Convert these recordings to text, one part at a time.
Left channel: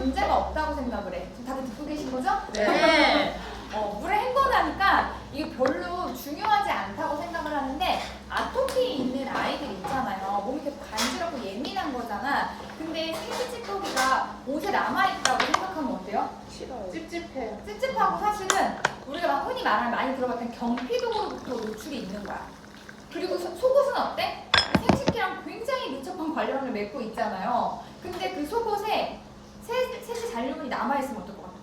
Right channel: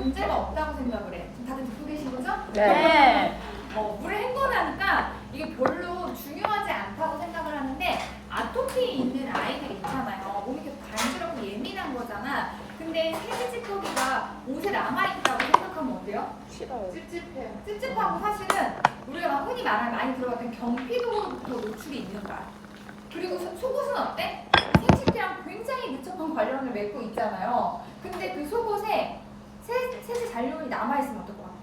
문제가 없다고 생각을 해. 지금 다들 듣고 계신 거죠? 네. 물에 헹궈나니까 이게 별로 중요하지 않다고 생각을 하는데 아토피 있는 아이들 있잖아요. 몸이 이렇게 간지럽고 예민한 거잖아. 근데 생식지토기가 옷에 남아있다고 생각하면 어때요? 찝찝해요. 찝찝하고 사실은 우리가 막 흔히 말하는 많이 들어봤던 경피독으로부터 노출이 있는 거야. 그리고 속옷은 어때? 생식기랑 굉장히 밀접한 관련을 맺고 있잖아요. 근데 그 속옷에 세제 잔류물이 남아있으면 어떨 것 같아?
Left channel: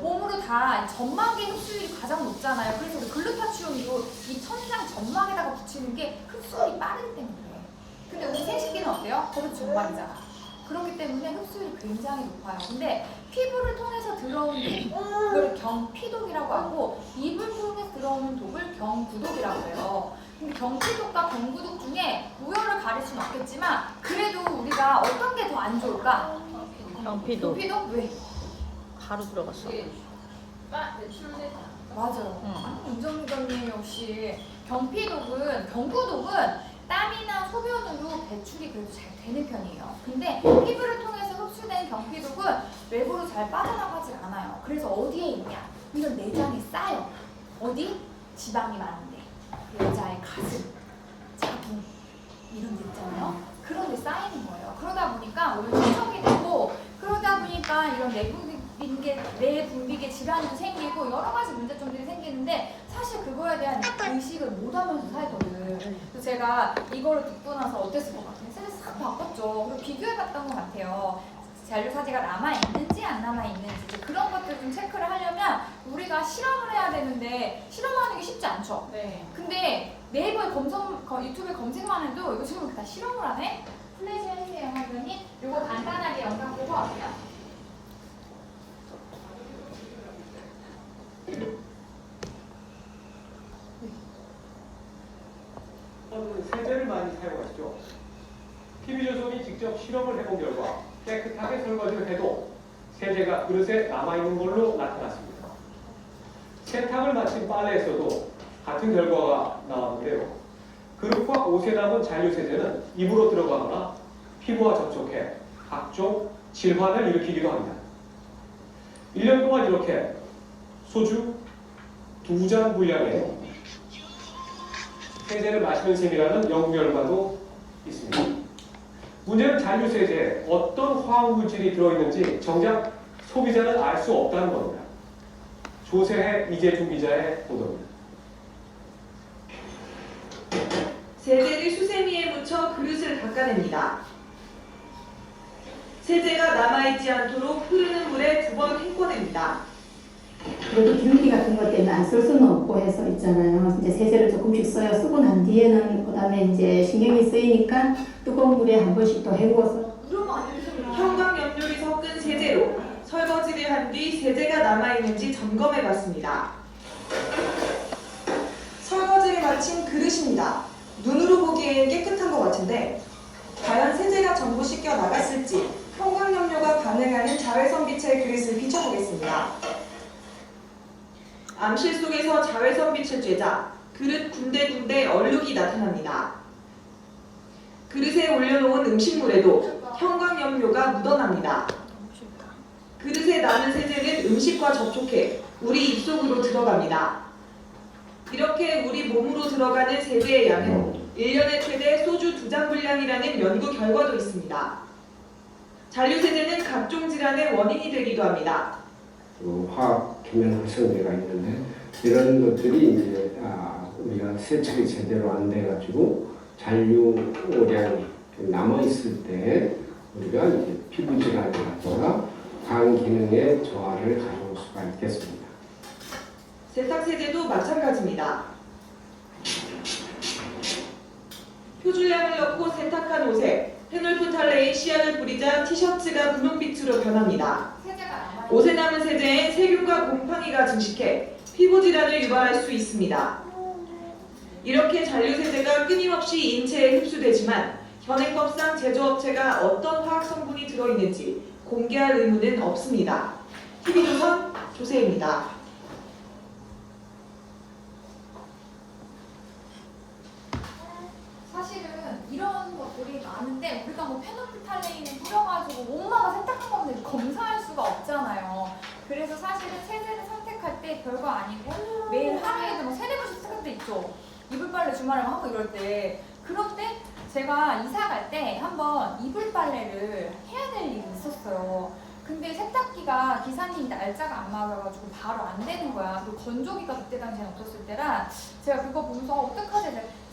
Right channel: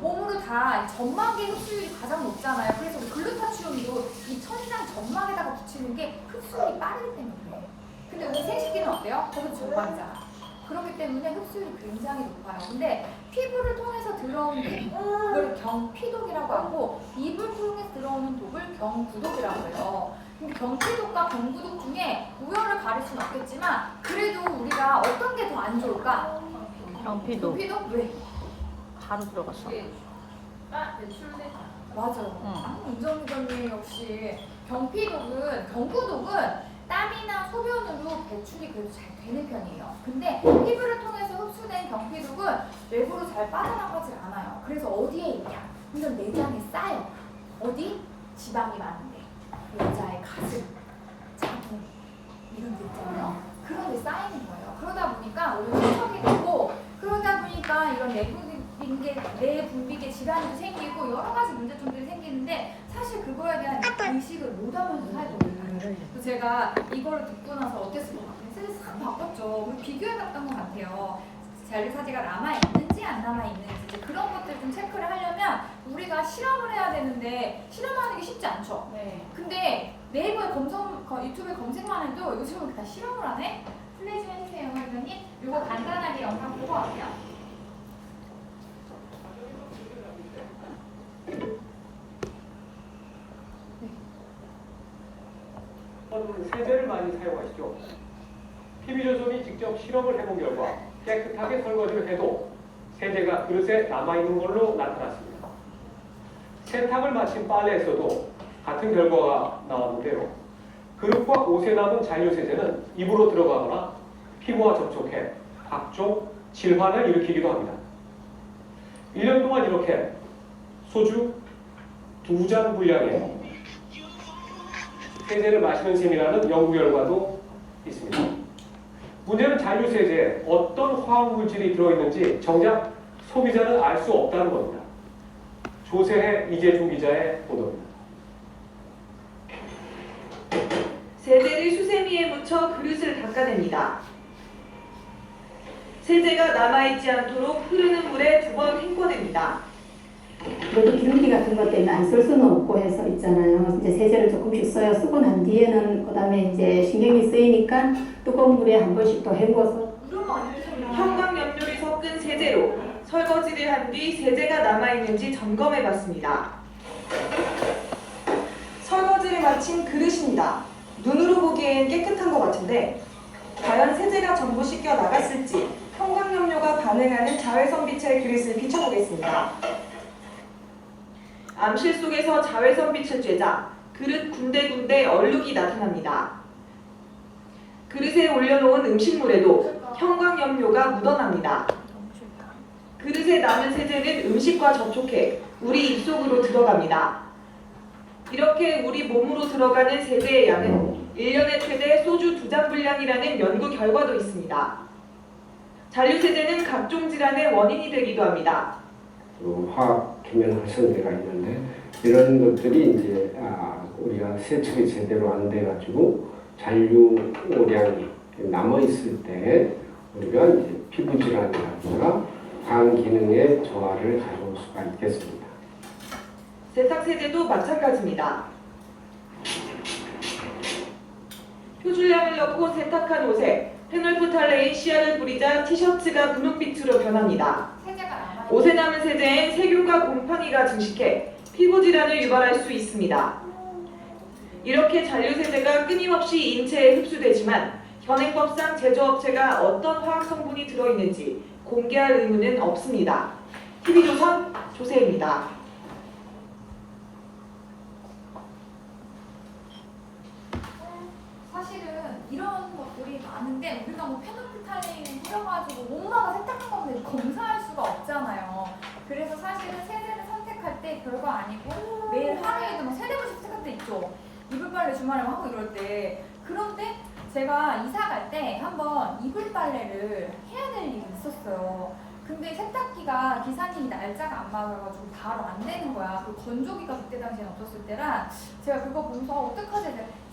몸으로 다 점막의 흡수율이 가장 높잖아요. 그래서 우리 글루타치온도 이 천장 점막에다가 붙이는 게 흡수율이 빠르기 때문에 그래요. 근데 우리 생식기는 어때요? 거기도 점막이잖아. 그렇기 때문에 흡수율이 굉장히 높아요. 근데 피부를 통해서 들어오는 독을 경피독이라고 하고 입을 통해서 들어오는 독을 경구독이라고 해요. 근데 경피독과 경구독 중에 우열을 가릴 수는 없겠지만 그래도 우리가 어떤 게 더 안 좋을까? 경피독. 경피독? 왜? 바로 들어갔어. 매출돼. 맞아요. 운전부장님 역시 경구독은 땀이나 소변으로 배출이 그래도 잘 되는 편이에요. 근데 피부를 통해서 흡수된 경피독은 외부로 잘 빠져나가지 않아요. 그래서 어디에 있냐? 이런 내장에 쌓여. 어디? 지방이 많은데. 여자의 가슴, 자궁 이런 데 있잖아요. 그런 데 쌓이는 거예요. 그러다 보니까 오히려 세척이 되고 그러다 보니까 이런 내분비계 질환도 생기고 여러 가지 문제점들이 생기는데 사실 그거에 대한 의식을 못 하면서 살거든. 그래서 제가 이거를 듣고 나서 어땠을 것 같아요? 세상이 싹 바꿨죠. 그리고 비교해봤던 것 같아요. 잔류사제가 남아있는지 안 남아있는지 이제 그런 것들 좀 체크를 하려면 우리가 실험을 해야 되는데 실험하는 게 쉽지 않죠. 네. 근데 네이버에 유튜브에 검색만 해도 이거 지금 다 실험을 하네? 플레이 좀 해주세요, 선생님. 이거 간단하게 영상 보고 와세요. 세제를 많이 사용하시죠. TV조선이 직접 실험을 해본 결과 깨끗하게 설거지를 해도 세제가 그릇에 남아있는 걸로 나타났습니다. 세탁을 마친 빨래에서도 같은 결과가 나왔는데요. 그릇과 옷에 남은 잔류세제는 입으로 들어가거나 피부와 접촉해 각종 질환을 일으키기도 합니다. 1년 동안 이렇게 소주 2잔 분량의 세제를 마시는 셈이라는 연구 결과도 있습니다. 문제는 잔류세제에 어떤 화학물질이 들어있는지 정작 소비자는 알 수 없다는 겁니다. 조세혜 이재중 기자의 보도입니다. 세제를 수세미에 묻혀 그릇을 닦아냅니다. 세제가 남아있지 않도록 흐르는 물에 2번 헹궈냅니다. 그래도 기름기 같은 것 때문에 안 쓸 수는 없고 해서 있잖아요. 이제 세제를 조금씩 써요. 쓰고 난 뒤에는 그다음에 이제 신경이 쓰이니까 뜨거운 물에 한 번씩 더 헹궈서. 형광염료를 섞은 세제로 설거지를 한 뒤 세제가 남아있는지 점검해봤습니다. 설거지를 마친 그릇입니다. 눈으로 보기엔 깨끗한 것 같은데 과연 세제가 전부 씻겨 나갔을지 형광염료가 반응하는 자외선 빛의 그릇을 비춰보겠습니다. 암실 속에서 자외선 빛을 쬐자 그릇 군데군데 얼룩이 나타납니다. 그릇에 올려놓은 음식물에도 형광염료가 묻어납니다. 그릇에 남은 세제는 음식과 접촉해 우리 입속으로 들어갑니다. 이렇게 우리 몸으로 들어가는 세제의 양은 1년에 최대 소주 2잔 분량이라는 연구 결과도 있습니다. 잔류세제는 각종 질환의 원인이 되기도 합니다. 화학 계면 활성제가 있는데 이런 것들이 이제 우리가 세척이 제대로 안 돼가지고 잔류량이 남아 있을 때 우리가 이제 피부 질환이라든가 간 기능의 저하를 가져올 수가 있겠습니다. 세탁세제도 마찬가지입니다. 표준량을 넣고 세탁한 옷에 페놀프탈레인 시아를 뿌리자 티셔츠가 분홍빛으로 변합니다. 옷에 남은 세제엔 세균과 곰팡이가 증식해 피부 질환을 유발할 수 있습니다. 이렇게 잔류세제가 끊임없이 인체에 흡수되지만 현행법상 제조업체가 어떤 화학성분이 들어있는지 공개할 의무는 없습니다. TV조선 조세입니다. 사실은 이런 것들이 많은데 우리가 뭐 페노프탈레인을 뿌려가지고 엄마가 세탁한 건데 검사할 수가 없잖아요. 그래서 사실은 세제를 선택할 때 별거 아니고 매일 하루에도 막 3-4번씩 세탁할 때 있죠. 이불 빨래 주말에 하고 이럴 때. 그런데 제가 이사 갈 때 한번 이불 빨래를 해야 될 일이 있었어요. 근데 세탁기가 기사님이 날짜가 안 맞아가지고 바로 안 되는 거야. 그리고 건조기가 그때 당시엔 없었을 때라 제가 그거 보면서 어떡하지?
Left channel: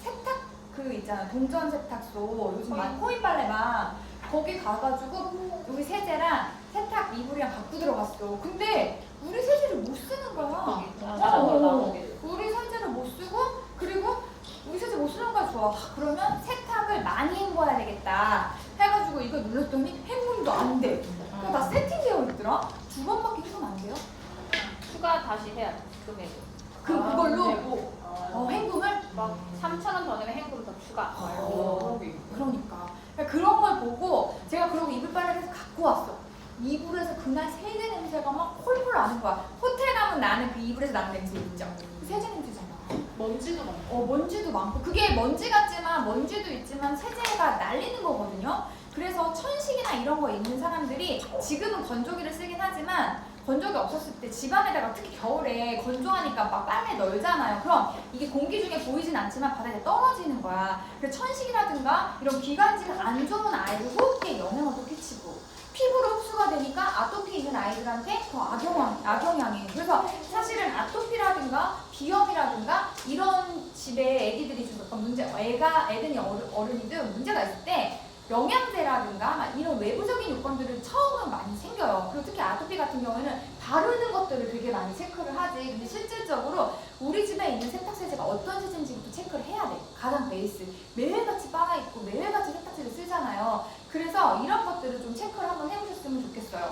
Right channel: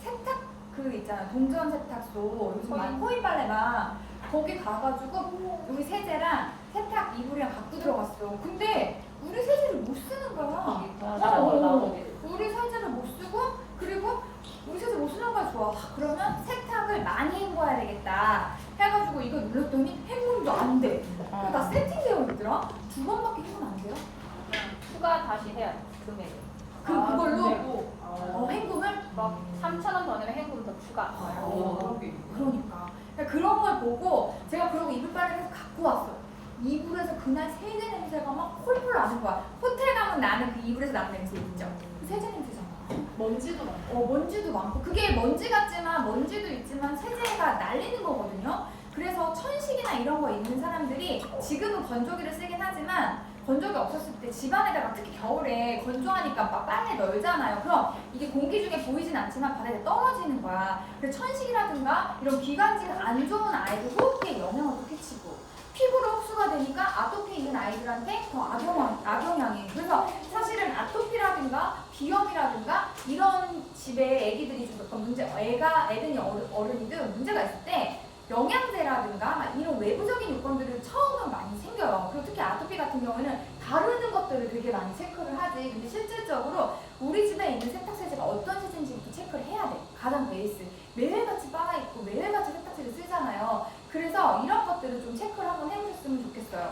세탁 그 있잖아요. 동전 세탁소 요즘 많이 코인 빨래나 거기 가가지고 우리 세제랑 세탁 이불이랑 갖고 들어갔어. 근데 우리 세제를 못 쓰는 거야. 우리 세제를 못 쓰고 그리고 우리 세제 못 쓰는 거야. 좋아. 그러면 세탁을 많이 헹궈야 되겠다 해가지고 이거 눌렀더니 헹굼도 안 돼. 나 세팅되어 있더라. 2번밖에 헹구면 안 돼요? 추가 다시 해야 돼. 금액을. 그걸로 헹굼을? 막 3,000원 더 내면 행금 더 추가. 그러니까 그런 걸 보고 제가 그러고 이불 빨래를 해서 갖고 왔어. 이불에서 그날 세제 냄새가 막 폴폴 나는 거야. 호텔 가면 나는 그 이불에서 나는 냄새 있죠. 그 세제 냄새잖아. 먼지도 먼지도 많고 그게 먼지 같지만 먼지도 있지만 세제가 날리는 거거든요. 그래서 천식이나 이런 거 있는 사람들이 지금은 건조기를 쓰긴 하지만 건조기 없었을 때 집안에다가 특히 겨울에 건조하니까 막 빨래 널잖아요. 그럼 이게 공기 중에 보이진 않지만 바닥에 떨어지는 거야. 그래서 천식이라든가 이런 기관지가 안 좋은 아이들 호흡기에 영향을 끼치고 피부로 흡수가 되니까 아토피 있는 아이들한테 더 악영향이에요. 그래서 사실은 아토피라든가 비염이라든가 이런 집에 애기들이 좀 어떤 문제, 애든지 어른이든 문제가 있을 때 영양제라든가 막 이런 외부적인 요건들을 처음은 많이 생겨요. 그리고 특히 아토피 같은 경우에는 바르는 것들을 되게 많이 체크를 하지. 근데 실질적으로 우리 집에 있는 세탁세제가 어떤 세제인지부터 체크를 해야 돼. 가장 베이스. 매일같이 빨아입고 매일같이 세탁세제 쓰잖아요. 그래서 이런 것들을 좀 체크를 한번 해보셨으면 좋겠어요.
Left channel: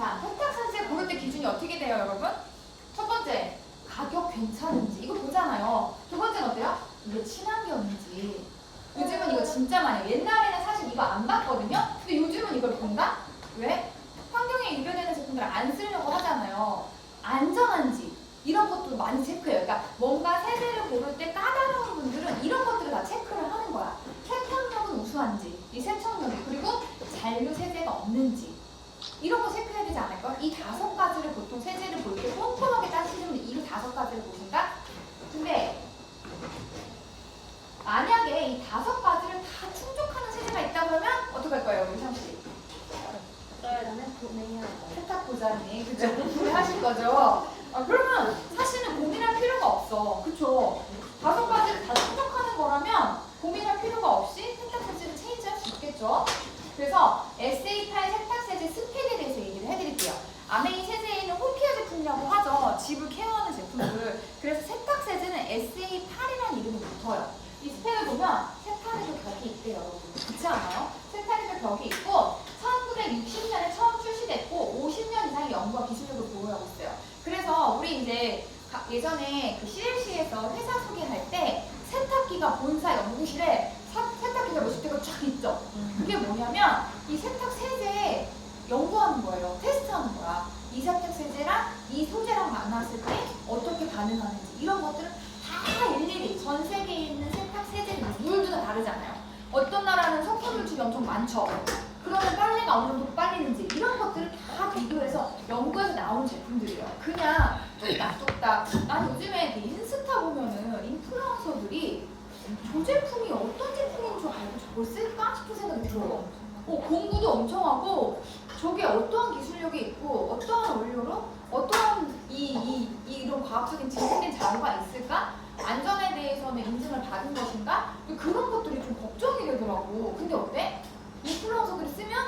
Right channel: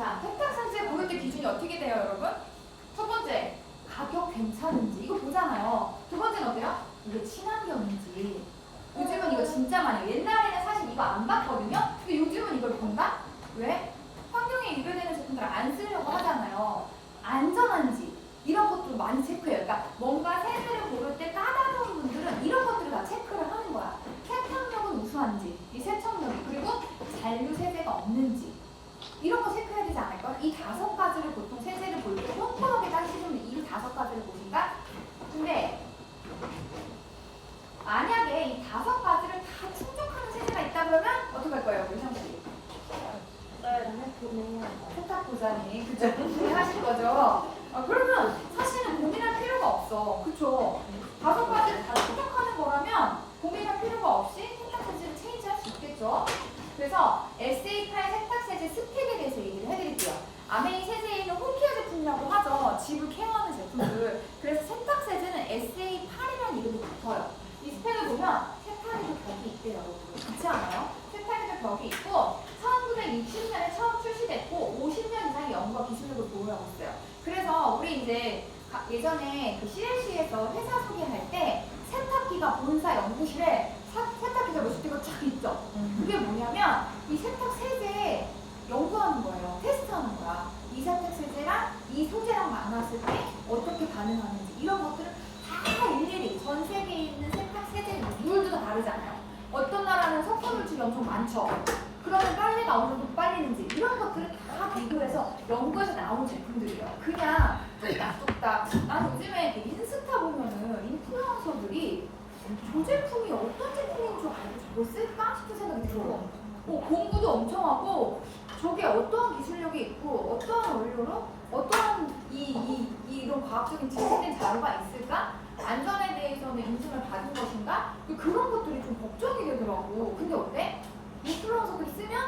자, 세탁세제 고를 때 기준이 어떻게 돼요, 여러분? 첫 번째, 가격 괜찮은지 이거 보잖아요. 두 번째는 어때요? 이게 친환경인지. 요즘은 이거 진짜 많이 해요. 옛날에는 사실 이거 안 봤거든요. 근데 요즘은 이걸 본다? 왜? 환경에 유배되는 제품들을 안 쓰려고 하잖아요. 안전한지 이런 것도 많이 체크해요. 그러니까 뭔가 세제를 고를 때 까다로운 분들은 이런 것들을 다 체크를 하는 거야. 세탁력은 우수한지, 이 세척력 그리고 잔류 세제가 없는지 이런 거 체크해야 되지 않을까? 이 5가지를 보통 세제를 볼 때 꼼꼼하게 따지시면 이 5가지를 보신다? 근데 만약에 이 5가지를 다 충족하는 세제가 있다고 하면 어떻게 할 거예요, 우리 상식이? 세탁 보자니, 그죠? 구매하실 거죠? 그러면 사실은 고민할 필요가 없어, 그쵸? 5가지를 다 충족하는 거라면 고민할 필요가 없이 세탁세제를 체인지할 수 있겠죠? 그래서 SA8 세탁세제 스펙에 대해서 얘기를 해드릴게요. 아메이 세제에는 홈케어 제품이라고 하죠. 집을 케어하는 제품들. 그래서 세탁세제는 SA8이라는 이름이 붙어요. 이 스펙을 보면 세탁에도 벽이 있대요, 여러분. 그렇지 않아요? 세탁에도 벽이 있고 1960년에 처음 출시됐고 50년 이상의 연구와 기술력을 보유하고 있어요. 그래서 우리 이제 예전에 그 CLC에서 회사 소개할 때 세탁기가 본사 연구실에 세탁기가 몇십 대가 쫙 있죠. 그게 뭐냐면 이 세탁 세제에 연구하는 거예요. 테스트하는 거야. 이 세탁 세제랑 이 소재랑 만났을 때 어떻게 반응하는지 이런 것들을 다 일일이 전 세계에 있는 세탁 세제 물도 다 다르잖아요. 어떤 나라는 석탄 물질이 엄청 많죠. 그러면 빨래가 어느 정도 빨리는지 이런 것들을 다 비교해서 연구해서 나온 제품들이에요. 그냥 뚝딱뚝딱. 난 요즘에 인스타 보면은 인플루언서들이 저 제품이 어떤 제품인 줄 알고 저걸 쓸까 싶은 생각이 들어요. 공부도 엄청 하고 저게 어떠한 기술력이 있고 어떠한 원료로 어떠한 이런 과학적인 지식된 자료가 있을까? 안전에 대해서는 인증을 받은 것인가? 그런 것들이 좀 걱정이 되더라고. 근데 어때? 인플루언서들이 쓰면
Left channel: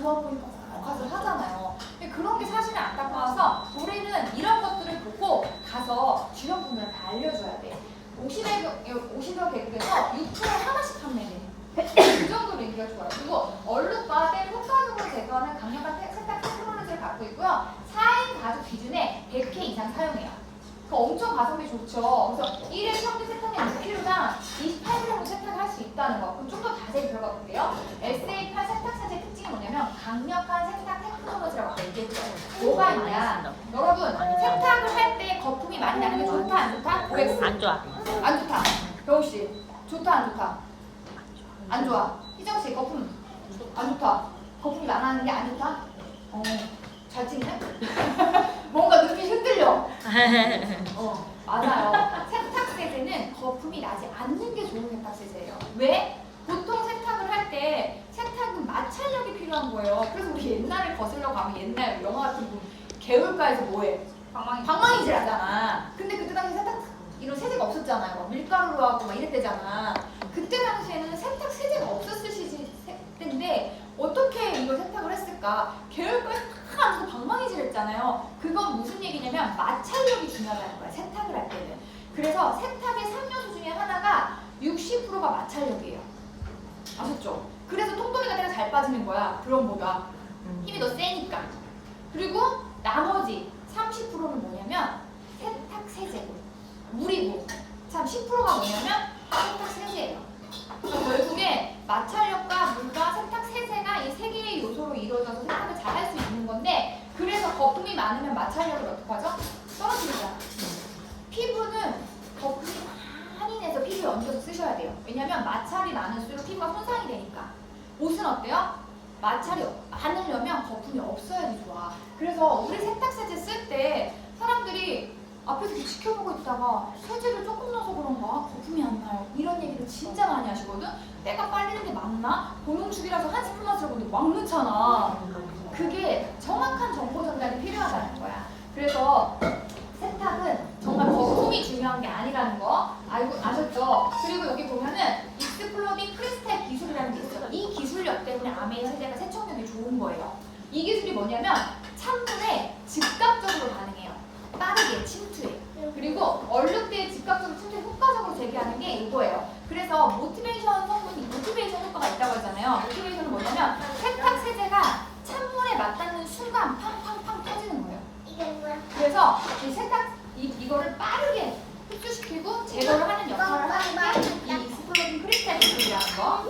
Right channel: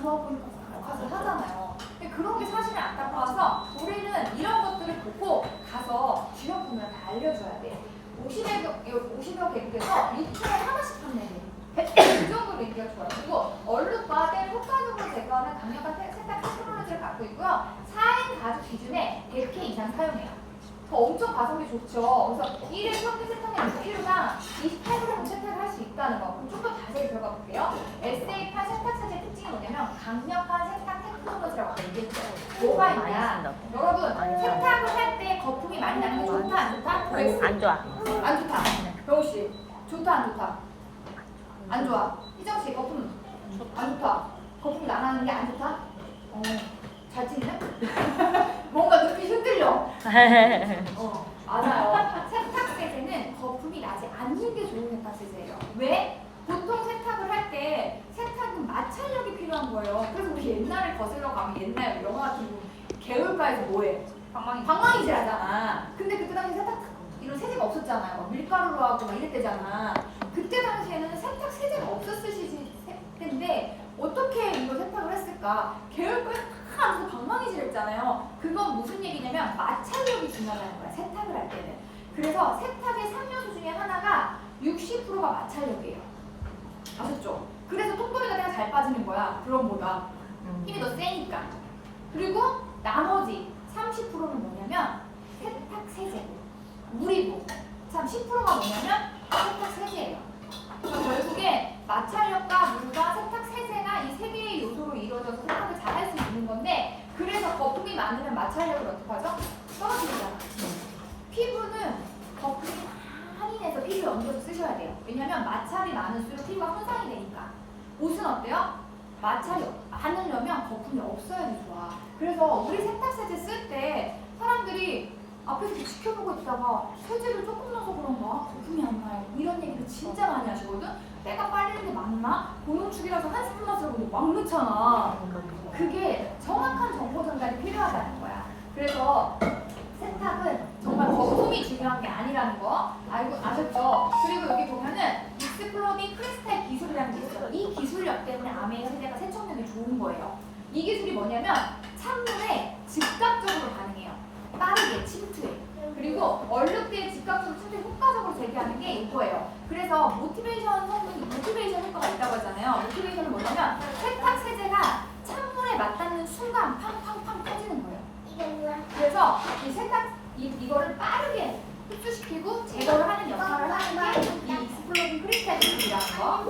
좋아 보니까 가서 하잖아요. 근데 그런 게 사실은 안타까워서 우리는 이런 것들을 보고 가서 주요 부분을 다 알려줘야 돼. 50여 개국에서 6초에 하나씩 판매해. 그 정도로 인기가 좋아요. 그리고 얼룩과 때 효과적으로 제거하는 강력한 세탁 테크놀로지를 갖고 있고요. 4인 가족 기준에 100회 이상 사용해요. 엄청 가성비 좋죠. 그래서 1회 평균 세탁량 6kg당 28g으로 세탁을 할 수 있다는 거. 그럼 좀 더 자세히 들어가 볼게요. SA8 세탁세제 특징이 뭐냐면 강력한 세탁 테크놀로지라고 아까 얘기했죠. 뭐가 있냐. 여러분 세탁을 할 때 거품이 많이 나는 게 좋다 안 좋다? 고백스. 안 좋아. 안 좋다. 병우씨 좋다 안 좋다? 안 좋아. 희정씨 거품. 좋다. 안 좋다. 거품이 나는 게 안 좋다. 잘 찍네. 뭔가 눈빛이 흔들려. 맞아요. 세탁 세제는 거품이 나지 않는 게 좋은 세탁 세제예요. 왜? 보통 세탁을 할 때 세탁은 마찰력이 필요한 거예요. 그래서 우리 옛날을 거슬러 가면 옛날 영화 같은 거 개울가에서 뭐해? 방망이질 하잖아. 근데 그때 당시 세탁 이런 세제가 없었잖아요. 막 밀가루로 하고 막 이랬대잖아. 그때 당시에는 세탁 세제가 없었을 때인데 어떻게 이걸 세탁을 했을까? 개울가에 탁 하면서 방망이질 했잖아요. 그건 무슨 얘기냐면 마찰력이 중요하다는 거야. 세탁을 할 때는. 그래서 세탁의 3요소 중에 하나가 60%가 마찰력이에요. 아셨죠? 그래서 통돌이가 되게 잘 빠지는 거야. 드럼보다. 힘이 더 세니까. 그리고 나머지 30%는 뭐냐면 세탁 세제고 물이고 참 10%가 뭐냐면 세탁 세제예요. 그래서 결국에 마찰력과 물과 세탁 세제가 이 세 개의 요소로 이루어져서 세탁을 잘 할 수 있는 건데 그래서 거품이 많으면 마찰력을 어떡하죠? 떨어지잖아. 피부는 거품이 많이 내서 피부에 얹어서 쓰셔야 돼요. 왜냐면 마찰이 많을수록 피부가 손상이 되니까. 옷은 어때요? 마찰이 많으려면 거품이 없어야지 좋아. 그래서 우리 세탁 세제 쓸 때 사람들이 앞에서 이렇게 지켜보고 있다가 세제를 조금 넣어서 그런가 거품이 안 나요. 이런 얘기를 진짜 많이 하시거든. 때가 빨리는 게 맞나? 고농축이라서 한 스푼만 쓰고 막 넣잖아. 그게 정확한 정보 전달이 필요하다는 거야. 그래서 세탁은 정말 거품이 중요한 게 아니라는 거 아셨죠? 그리고 여기 보면은 익스플로딩 크리스탈 기술이라는 게 있어요. 이 기술력 때문에 아메이 세제가 세척력이 좋은 거예요. 이 기술이 뭐냐면 찬물에 즉각적으로 반응해요. 빠르게 침투해. 그리고 얼룩대에 즉각적으로 침투해 효과적으로 제기하는 게 이거예요. 그래서 모티베이션 성분이 모티베이션 효과가 있다고 하잖아요. 모티베이션은 뭐냐면 세탁 세제가 찬물에 맞닿는 순간 팡팡팡 터지는 거예요. 그래서 이 세탁 이거를 빠르게 흡수시키고 제거를 하는 역할을 하는 게 이 익스플로딩 크리스탈 기술이라는 거.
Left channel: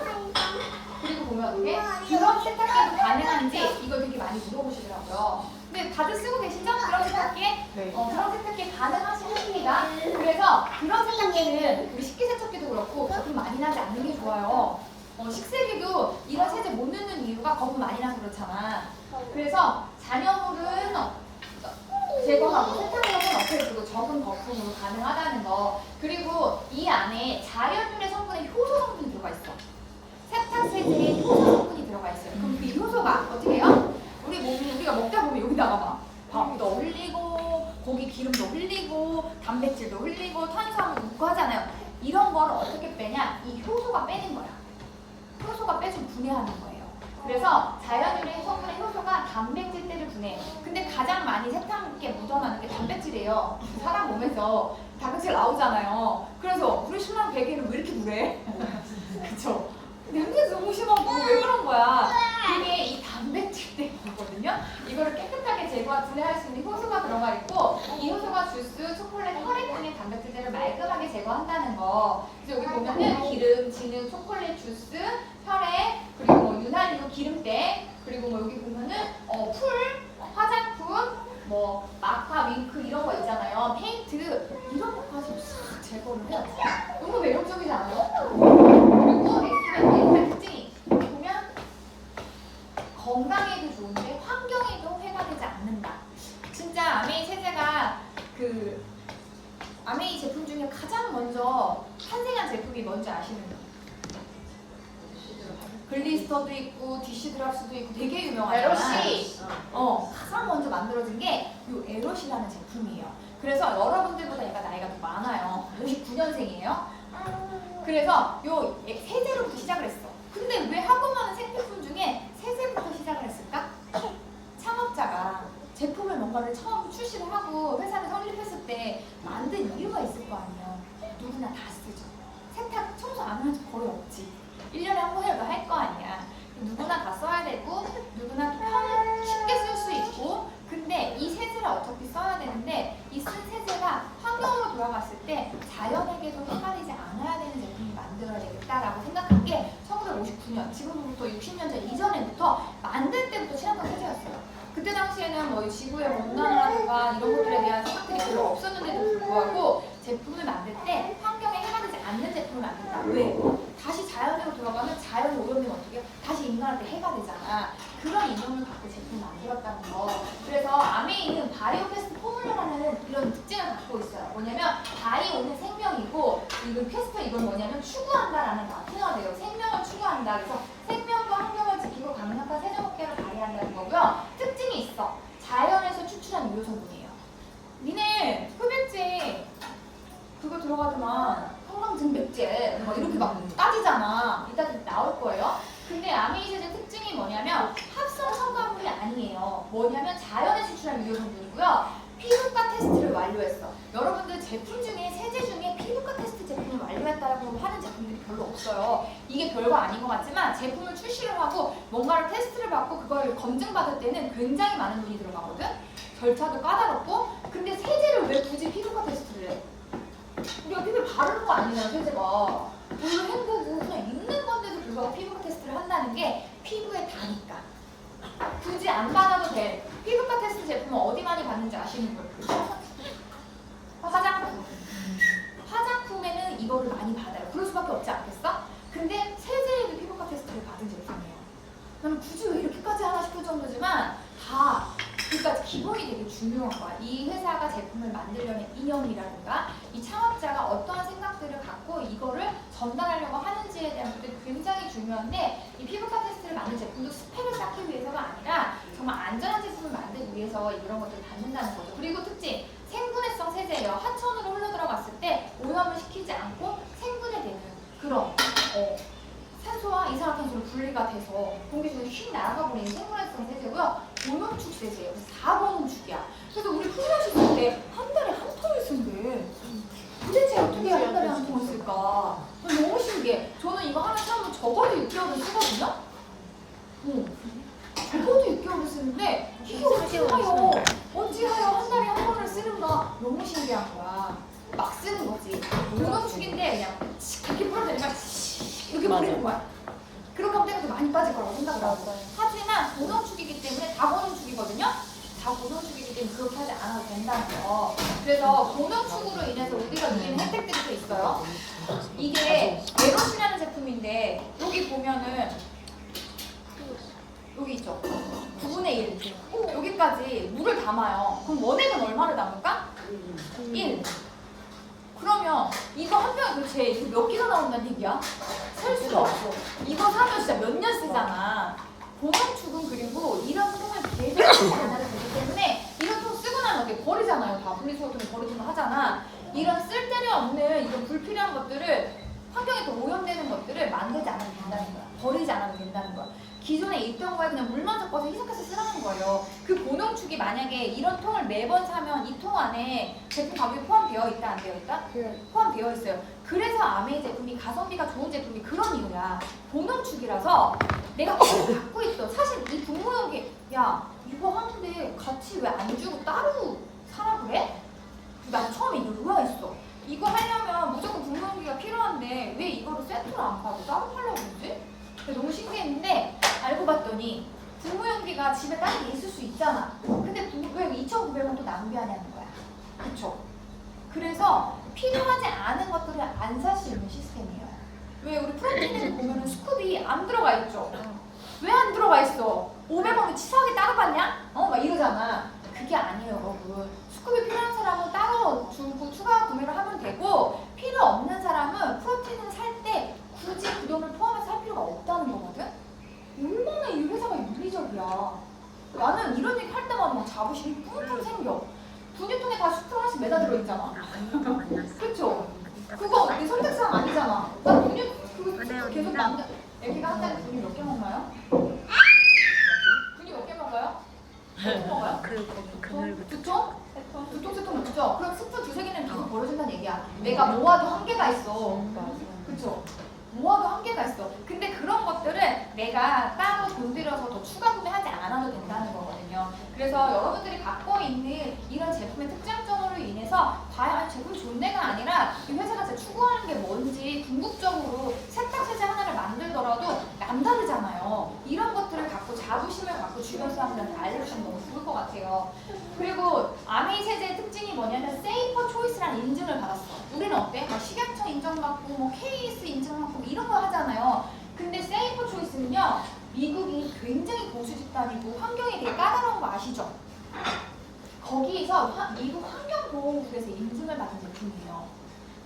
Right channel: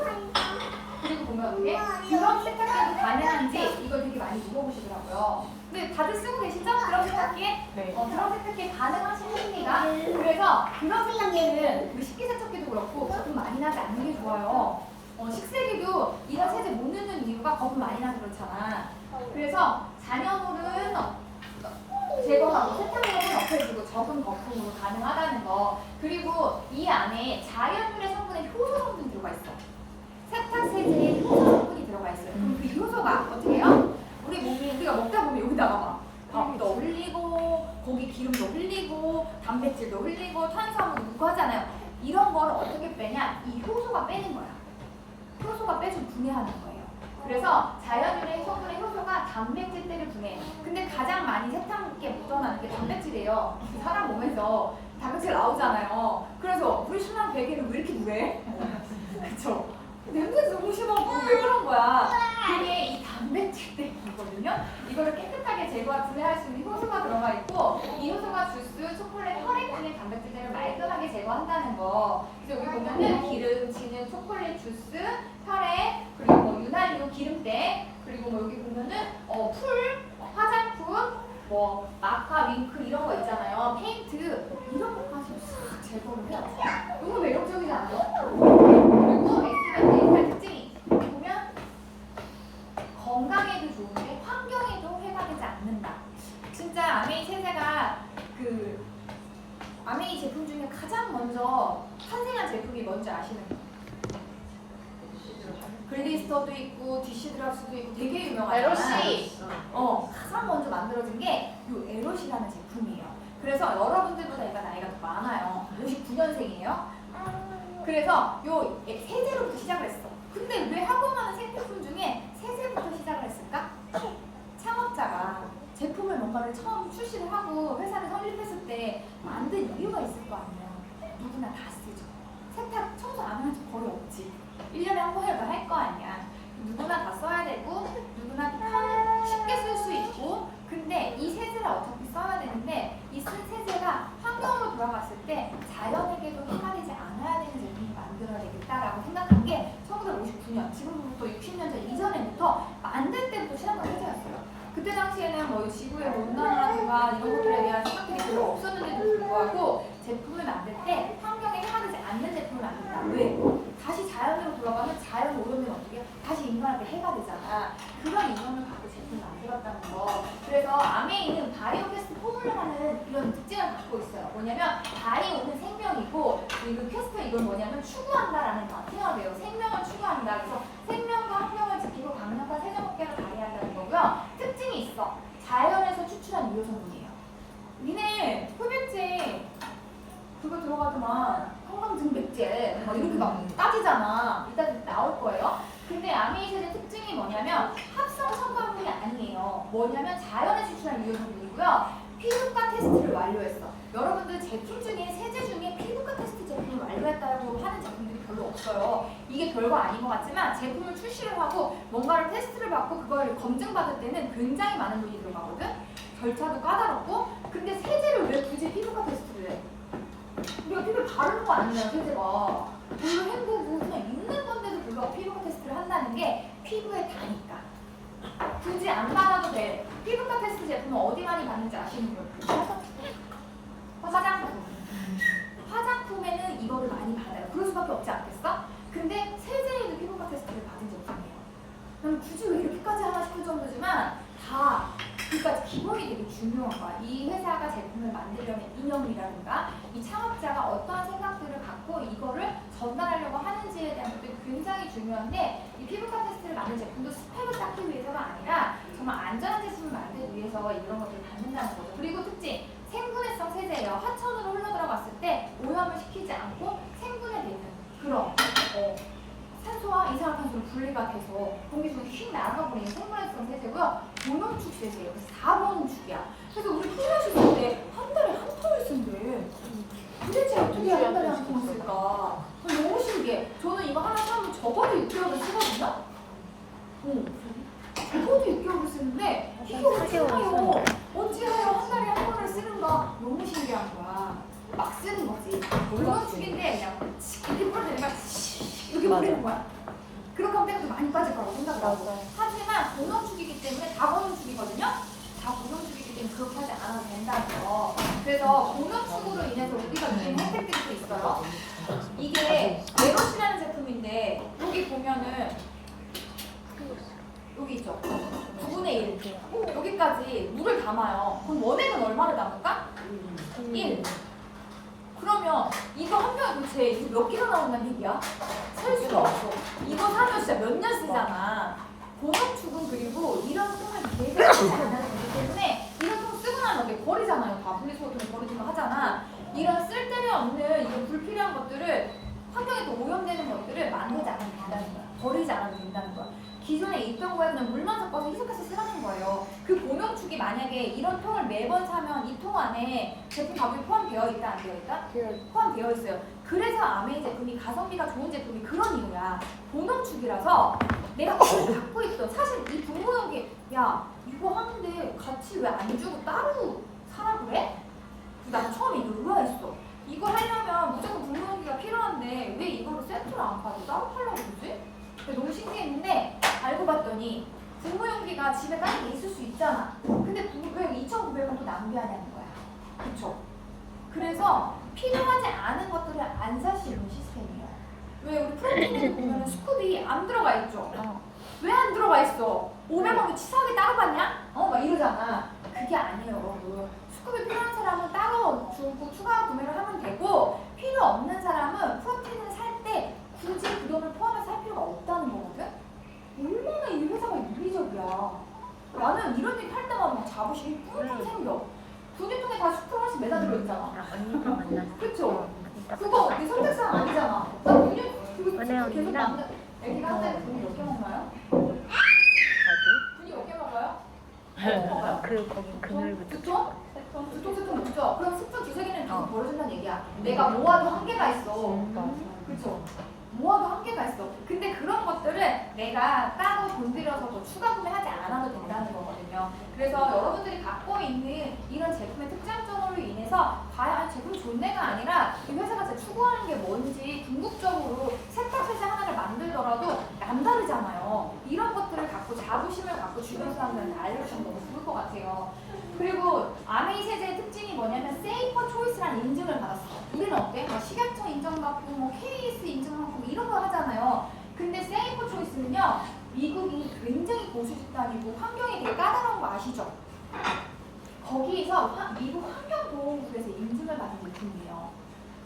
그리고 보면 어떻게 그런 세탁기도 가능한지 이걸 되게 많이 물어보시더라고요. 근데 다들 쓰고 계시죠? 그런 세탁기에? 그런 세탁기에 가능하십니다. 그래서 그런 세탁기는 우리 식기세척기도 그렇고 거품 많이 나지 않는 게 좋아요. 식세기도 이런 세제 못 넣는 이유가 거품 많이 나서 그렇잖아. 그래서 잔여물은 제거하고 세탁력은 없애주고 적은 거품으로 가능하다는 거. 그리고 이 안에 자연유래 성분의 효소 성분이 들어가 있어. 세탁 세제에 효소 성분이 들어가 있어요. 그럼 그 효소가 어떻게 해요? 우리 몸이 우리가 먹다 보면 여기다가 막 밥도 흘리고 고기 기름도 흘리고 단백질도 흘리고 탄수화물 넣고 하잖아요. 이런 거를 어떻게 빼냐? 이 효소가 빼는 거야. 효소가 빼주면 분해하는 거예요. 그래서 자연유래 성분의 효소가 단백질들을 분해해요. 근데 가장 많이 세탁기에 묻어나는 게 단백질이에요. 사람 몸에서 단백질 나오잖아요. 그래서 우리 신랑 베개는 왜 이렇게 물해? 그쵸? 냄새 너무 심하고 왜 그런 거야? 그게 이 단백질 때문이거든요. 이거를 깨끗하게 분해할 수 있는 효소가 들어가 있고 이 효소가 주스, 초콜릿, 혈액 등의 단백질들을 말끔하게 제거한다는 거. 그래서 여기 보면은 기름, 진흙, 초콜릿, 주스, 혈액, 그리고 뭐 유난히도 기름때, 그리고 뭐 여기 보면은 풀, 화장품, 뭐 마카, 윙크 이런 거 있잖아요. 페인트 이런 것까지 싹 제거를 해요. 너무 매력적이지 않아요? 그리고 엑스맨의 특징이 보면 건강에도 좋은데 환경에도 해가 되지 않는다. 진짜 아메이 세제가 그 아메이 제품 중에 가장 먼저 탄생한 제품이 뭔지 아시는 거예요? 글리스터도 있고 디시 드랍스도 있고 되게 유명하잖아요. 에로시. 가장 먼저 만들어진 게 이 에로시라는 제품이에요. 그래서 여러분들보다 얘가 나이가 더 많아요. 59년생이에요. 그래서 요 세제로부터 시작을 했어. 근데 왜 하고 많은 생필품 중에 세제부터 시작을 했을까? 창업자가 제품을 뭔가를 처음 출시를 하고 회사를 설립했을 때 만든 이유가 있을 거 아니에요. 누구나 다 쓰죠. 세탁, 청소 안 하는 집 거의 없지. 1년에 한 번이라도 할 거 아니야. 누구나 다 써야 되고 누구나 또 쉽게 쓸 수 있고 근데 이 세제를 어차피 써야 되는데 이 쓴 세제가 환경으로 돌아갔을 때 자연에게도 해가 되지 않아야 되는 제품을 만들어야 되겠다라고 생각한 게 1959년 지금부터 60년 전 이전에부터 만들 때부터 시작한 세제였어요. 그때 당시에는 뭐 지구의 온난화라든가 이런 것들에 대한 생각들이 별로 없었는데도 불구하고 제품을 만들 때 환경에 해가 되지 않는 제품을 만든다. 왜? 다시 자연으로 돌아가면 자연 오염되면 어떻게 해요? 다시 인간한테 해가 되잖아요. 나는 추구한다라는 단어가 돼요. 생명을 추구한다. 그래서 생명과 환경을 지키고 강력한 세정업계를 발휘한다는 거고요. 특징이 있어. 자연에서 추출한 유효 성분이에요. 니네 흡입제 그거 들어가지만 성강증백제 막 이렇게 막 따지잖아. 이따 나올 거예요. 근데 아메이세제 특징이 뭐냐면 합성 첨가물이 아니에요. 뭐냐면 자연에서 추출한 유효 성분이고요. 피부과 테스트를 완료했어. 여러분들 제품 중에 세제 중에 피부과 테스트 제품을 완료했다고 하는 제품들이 별로 없어요. 이게 별거 아닌 것 같지만 제품을 출시를 하고 뭔가를 테스트를 받고 그걸 검증받을 때는 굉장히 많은 돈이 들어가거든. 절차도 까다롭고. 근데 세제를 왜 굳이 피부과 테스트를 해? 우리가 피부에 바르는 거 아니에요, 세제가. 별로 헹구고 그냥 있는 건데도 불구하고 피부과 테스트를 한다는 게 피부에 다니까. 굳이 안 받아도 돼. 피부과 테스트 제품은 어디 많이 받는지 아시는 분? 화장품. 화장품에는 이거를 많이 받아요. 그럴 수밖에 없지 않겠어? 근데 세제에도 피부과 테스트를 받은 제품이에요. 그럼 굳이 왜 이렇게까지 하나 싶을 정도지만 다 그러니까 기본이 되게 중요한 거야. 이 회사가 제품을 만들려는 이념이라든가 이 창업자가 어떠한 생각들을 갖고 이거를 전달하려고 하는지에 대한 것들이 굉장히 중요한데 이 피부과 테스트를 만든 제품도 스펙을 쌓기 위해서가 아니라 정말 안전한 제품을 만들기 위해서 이런 것들을 받는다는 거죠. 그리고 특징, 생분해성 세제예요. 하천으로 흘러들어갔을 때 오염을 시키지 않고 생분해되는 그런 산소와 이산화탄소로 분리가 돼서 공기 중에 휙 날아가 버리는 생분해성 세제고요. 모노축 세제예요. 그래서 4모노축이야. 그래서 우리 훈련실 쓸 때 한 달에 한 통을 쓴대. 도대체 어떻게 한 달에 한 통을 쓸까? 너무 신기해. 저는 이거 하나 사면 적어도 6개월을 쓰거든요. 적어도 6개월을 쓰는데 이게 어찌하여 한 달에 한 번을 쓰는가 너무 신기한 거야. 막 쓰는 거지. 모노축인데 그냥 이렇게 뿌려대니까 이렇게 뿌리는 거야. 그렇게 하면 때가 더 많이 빠질 거라고 생각을 하고. 하지만 모노축이기 때문에 다모노축이거든요. 다모노축이기 때문에 그렇게 하지 않아도 된다는 거. 그래서 모노축으로 인해서 우리가 누리는 혜택들이 또 있어요. 이게 메롯이라는 제품인데 여기 보면은 여기 있죠. 9분의 1. 여기까지 물을 담아요. 그럼 원액은 얼마를 담을까? 1. 그러면 이거 한 병에 도대체 이거 몇 개가 나온다는 얘기야? 셀 수가 없어. 이거 사면 진짜 몇 년 쓰잖아. 모노축은 그리고 이런 통을 되게 많이 되기 때문에 이런 통 쓰고 나면 이렇게 버리잖아요. 다 분리수거통에 버리기도 하잖아. 이런 쓸데없는 이런 불필요한 것들을 환경에 또 오염되는 것들을 만들지 않아도 된다는 거야. 버리지 않아도 된다는 거야. 기존에 있던 거에 그냥 물만 섞어서 희석해서 쓰라는 거예요. 그 모노축이 만약에 이런 통을 매번 사면 이 통 안에 제품 가격이 포함되어 있다 안 되어 있다? 포함되어 있어요. 그래서 아메이 제품이 가성비가 좋은 제품이 그런 이유야. 모노축이라서 내가 그걸 갖고 있어. 사실 이 분모형이 야 이거 하는데 같이 왜 안 주고 따로 사라 그래? 나 처음에 의아했어. 이거 하려면 무조건 분모형기가 필요한데 왜 이거를 세트로 안 파고 따로 팔려고 그러지? 너무 신기했는데 알고 봤더니 분무용기가 집에 다른 게 있을 수 있잖아. 근데 왜 2,900원 또 낭비하냐는 거야. 그쵸? 그래서 필요하지 않은 것들을 안 살 수 있는 시스템이에요. 왜 우리 프로틴에도 보면 스쿱이 안 들어가 있죠? 왜 안 들어가 있어? 500원을 치사하게 따로 받냐? 막 이러잖아. 그게 아니에요, 여러분. 스쿱이 필요한 사람은 따로 주고 추가 구매를 하면 되고 필요 없는 사람은 프로틴을 살 때 굳이 그 돈을 포함해서 할 필요가 없다는 거거든? 얼마나 이 회사가 윤리적이야. 나는 이런 얘기 할 때마다 막 자부심이 뿜뿜 생겨. 분유통에 다 스프 하나씩 매다 들어있잖아. 그쵸? 그거 내 선택사항 아니잖아. 나 분유 그거 계속 남자 애기가 한 달에 분유 몇 개 먹나요? 분유 몇 개 먹어요? 먹어요? 두 통? 두 통, 세 통 먹죠? 그럼 스푼 두세 개는 계속 벌어진다는 얘기야. 내가 모아도 한계가 있어. 그쵸? 모아도 한계가 있어. 근데 그런 것들은 내가 따로 돈 들여서 더 추가 구매하지 않아도 된다는 거거든요. 그래서 여러분들이 갖고 있는 이런 제품의 특장점으로 인해서 과연 제품이 좋네가 아니라 이 회사가 진짜 추구하는 게 뭔지 궁극적으로 세탁세제 하나를 만들더라도 남다르잖아요. 이런 것들을 갖고 자부심을 갖고 주변 사람들한테 알려주시면 너무 좋을 것 같아요. 그리고 아메이 세제의 특징이 뭐냐면 세이퍼 초이스라는 인증을 받았어. 우리는 어때? 식약청 인정받고 뭐 KS 인정받고 이런 거 하잖아요. 근데 세이퍼 초이스는요, 미국이 굉장히 보수 집단이고 환경이 되게 까다로운 거 아시죠? 거기에서 미국 환경보호국에서 인증을 받은 제품이에요.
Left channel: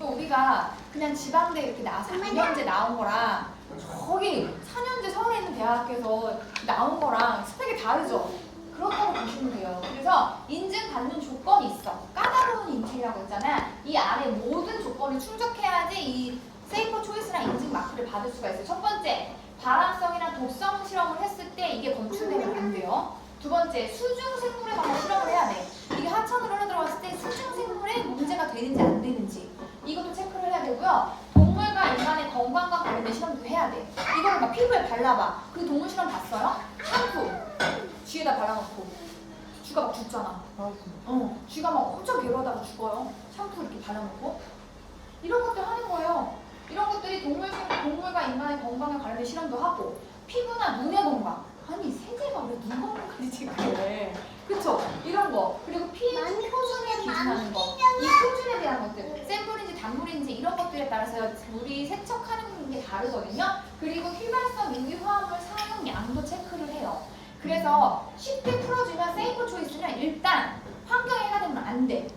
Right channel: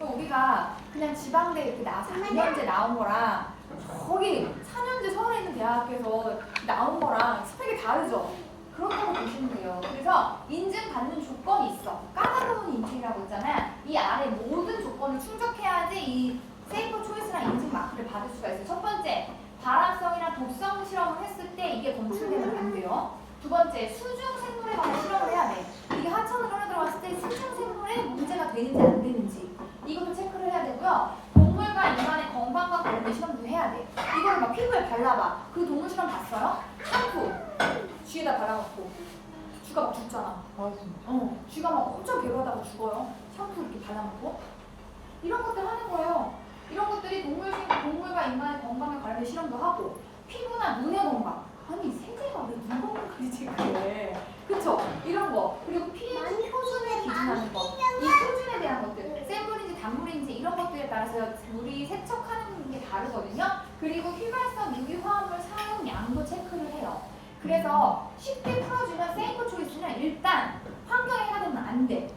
또 우리가 그냥 지방대 이렇게 4년제 나온 거랑 저기 4년제 서울에 있는 대학에서 나온 거랑 스펙이 다르죠. 그렇다고 보시면 돼요. 그래서 인증받는 조건이 있어. 까다로운 인증이라고 있잖아. 이 아래 모든 조건을 충족해야지 이 세이프 초이스랑 인증 마크를 받을 수가 있어요. 첫 번째, 발암성이나 독성 실험을 했을 때 이게 검출되면 안 돼요. 두 번째, 수중 생물에 관한 실험을 해야 돼. 이게 하천으로 흘러들어갔을 때 수중 생물에 문제가 되는지 안 되는지 이것도 체크를 해야 되고요. 동물과 인간의 건강과 관련된 실험도 해야 돼. 이걸 막 피부에 발라봐. 그 동물 실험 봤어요? 샴푸 쥐에다 발라놓고 쥐가 막 죽잖아. 쥐가 막 엄청 괴로워하다가 죽어요. 샴푸 이렇게 발라놓고 이런 것들 하는 거예요. 이런 것들이 동물과 인간의 건강에 관련된 실험도 하고 피부나 눈의 건강. 아니 세제가 왜 눈 건강까지 체크해? 그쵸? 이런 거. 그리고 pH 표준에 기준하는 거. 이 표준에 대한 것들. 샘물인지 단물인지 이런 것들에 따라서 물이 세척하는 게 다르거든요. 그리고 휘발성 유기 화합물 사용량도 체크를 해요. 그래서 쉽게 풀어주면 세이프 초이스는 일단 환경에 해가 되면 안 돼.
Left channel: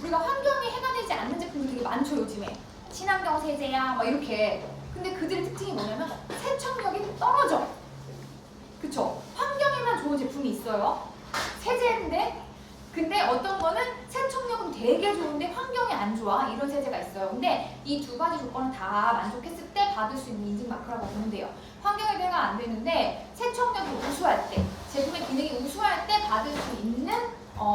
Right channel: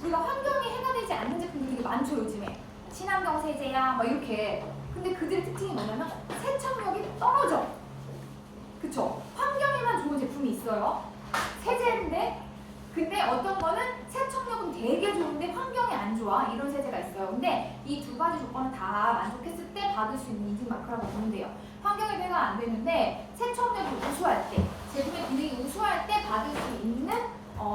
우리가 환경에 해가 되지 않는 제품이 되게 많죠 요즘에. 친환경 세제야 막 이렇게. 근데 그들의 특징이 뭐냐면 세척력이 떨어져. 그쵸? 환경에만 좋은 제품이 있어요. 세제인데 근데 어떤 거는 세척력은 되게 좋은데 환경이 안 좋아. 이런 세제가 있어요. 근데 이 두 가지 조건은 다 만족했을 때 받을 수 있는 인증 마크라고 보면 돼요. 환경에 배가 안 되는데 세척력이 우수할 때, 제품의 기능이 우수할 때 받을 수 있는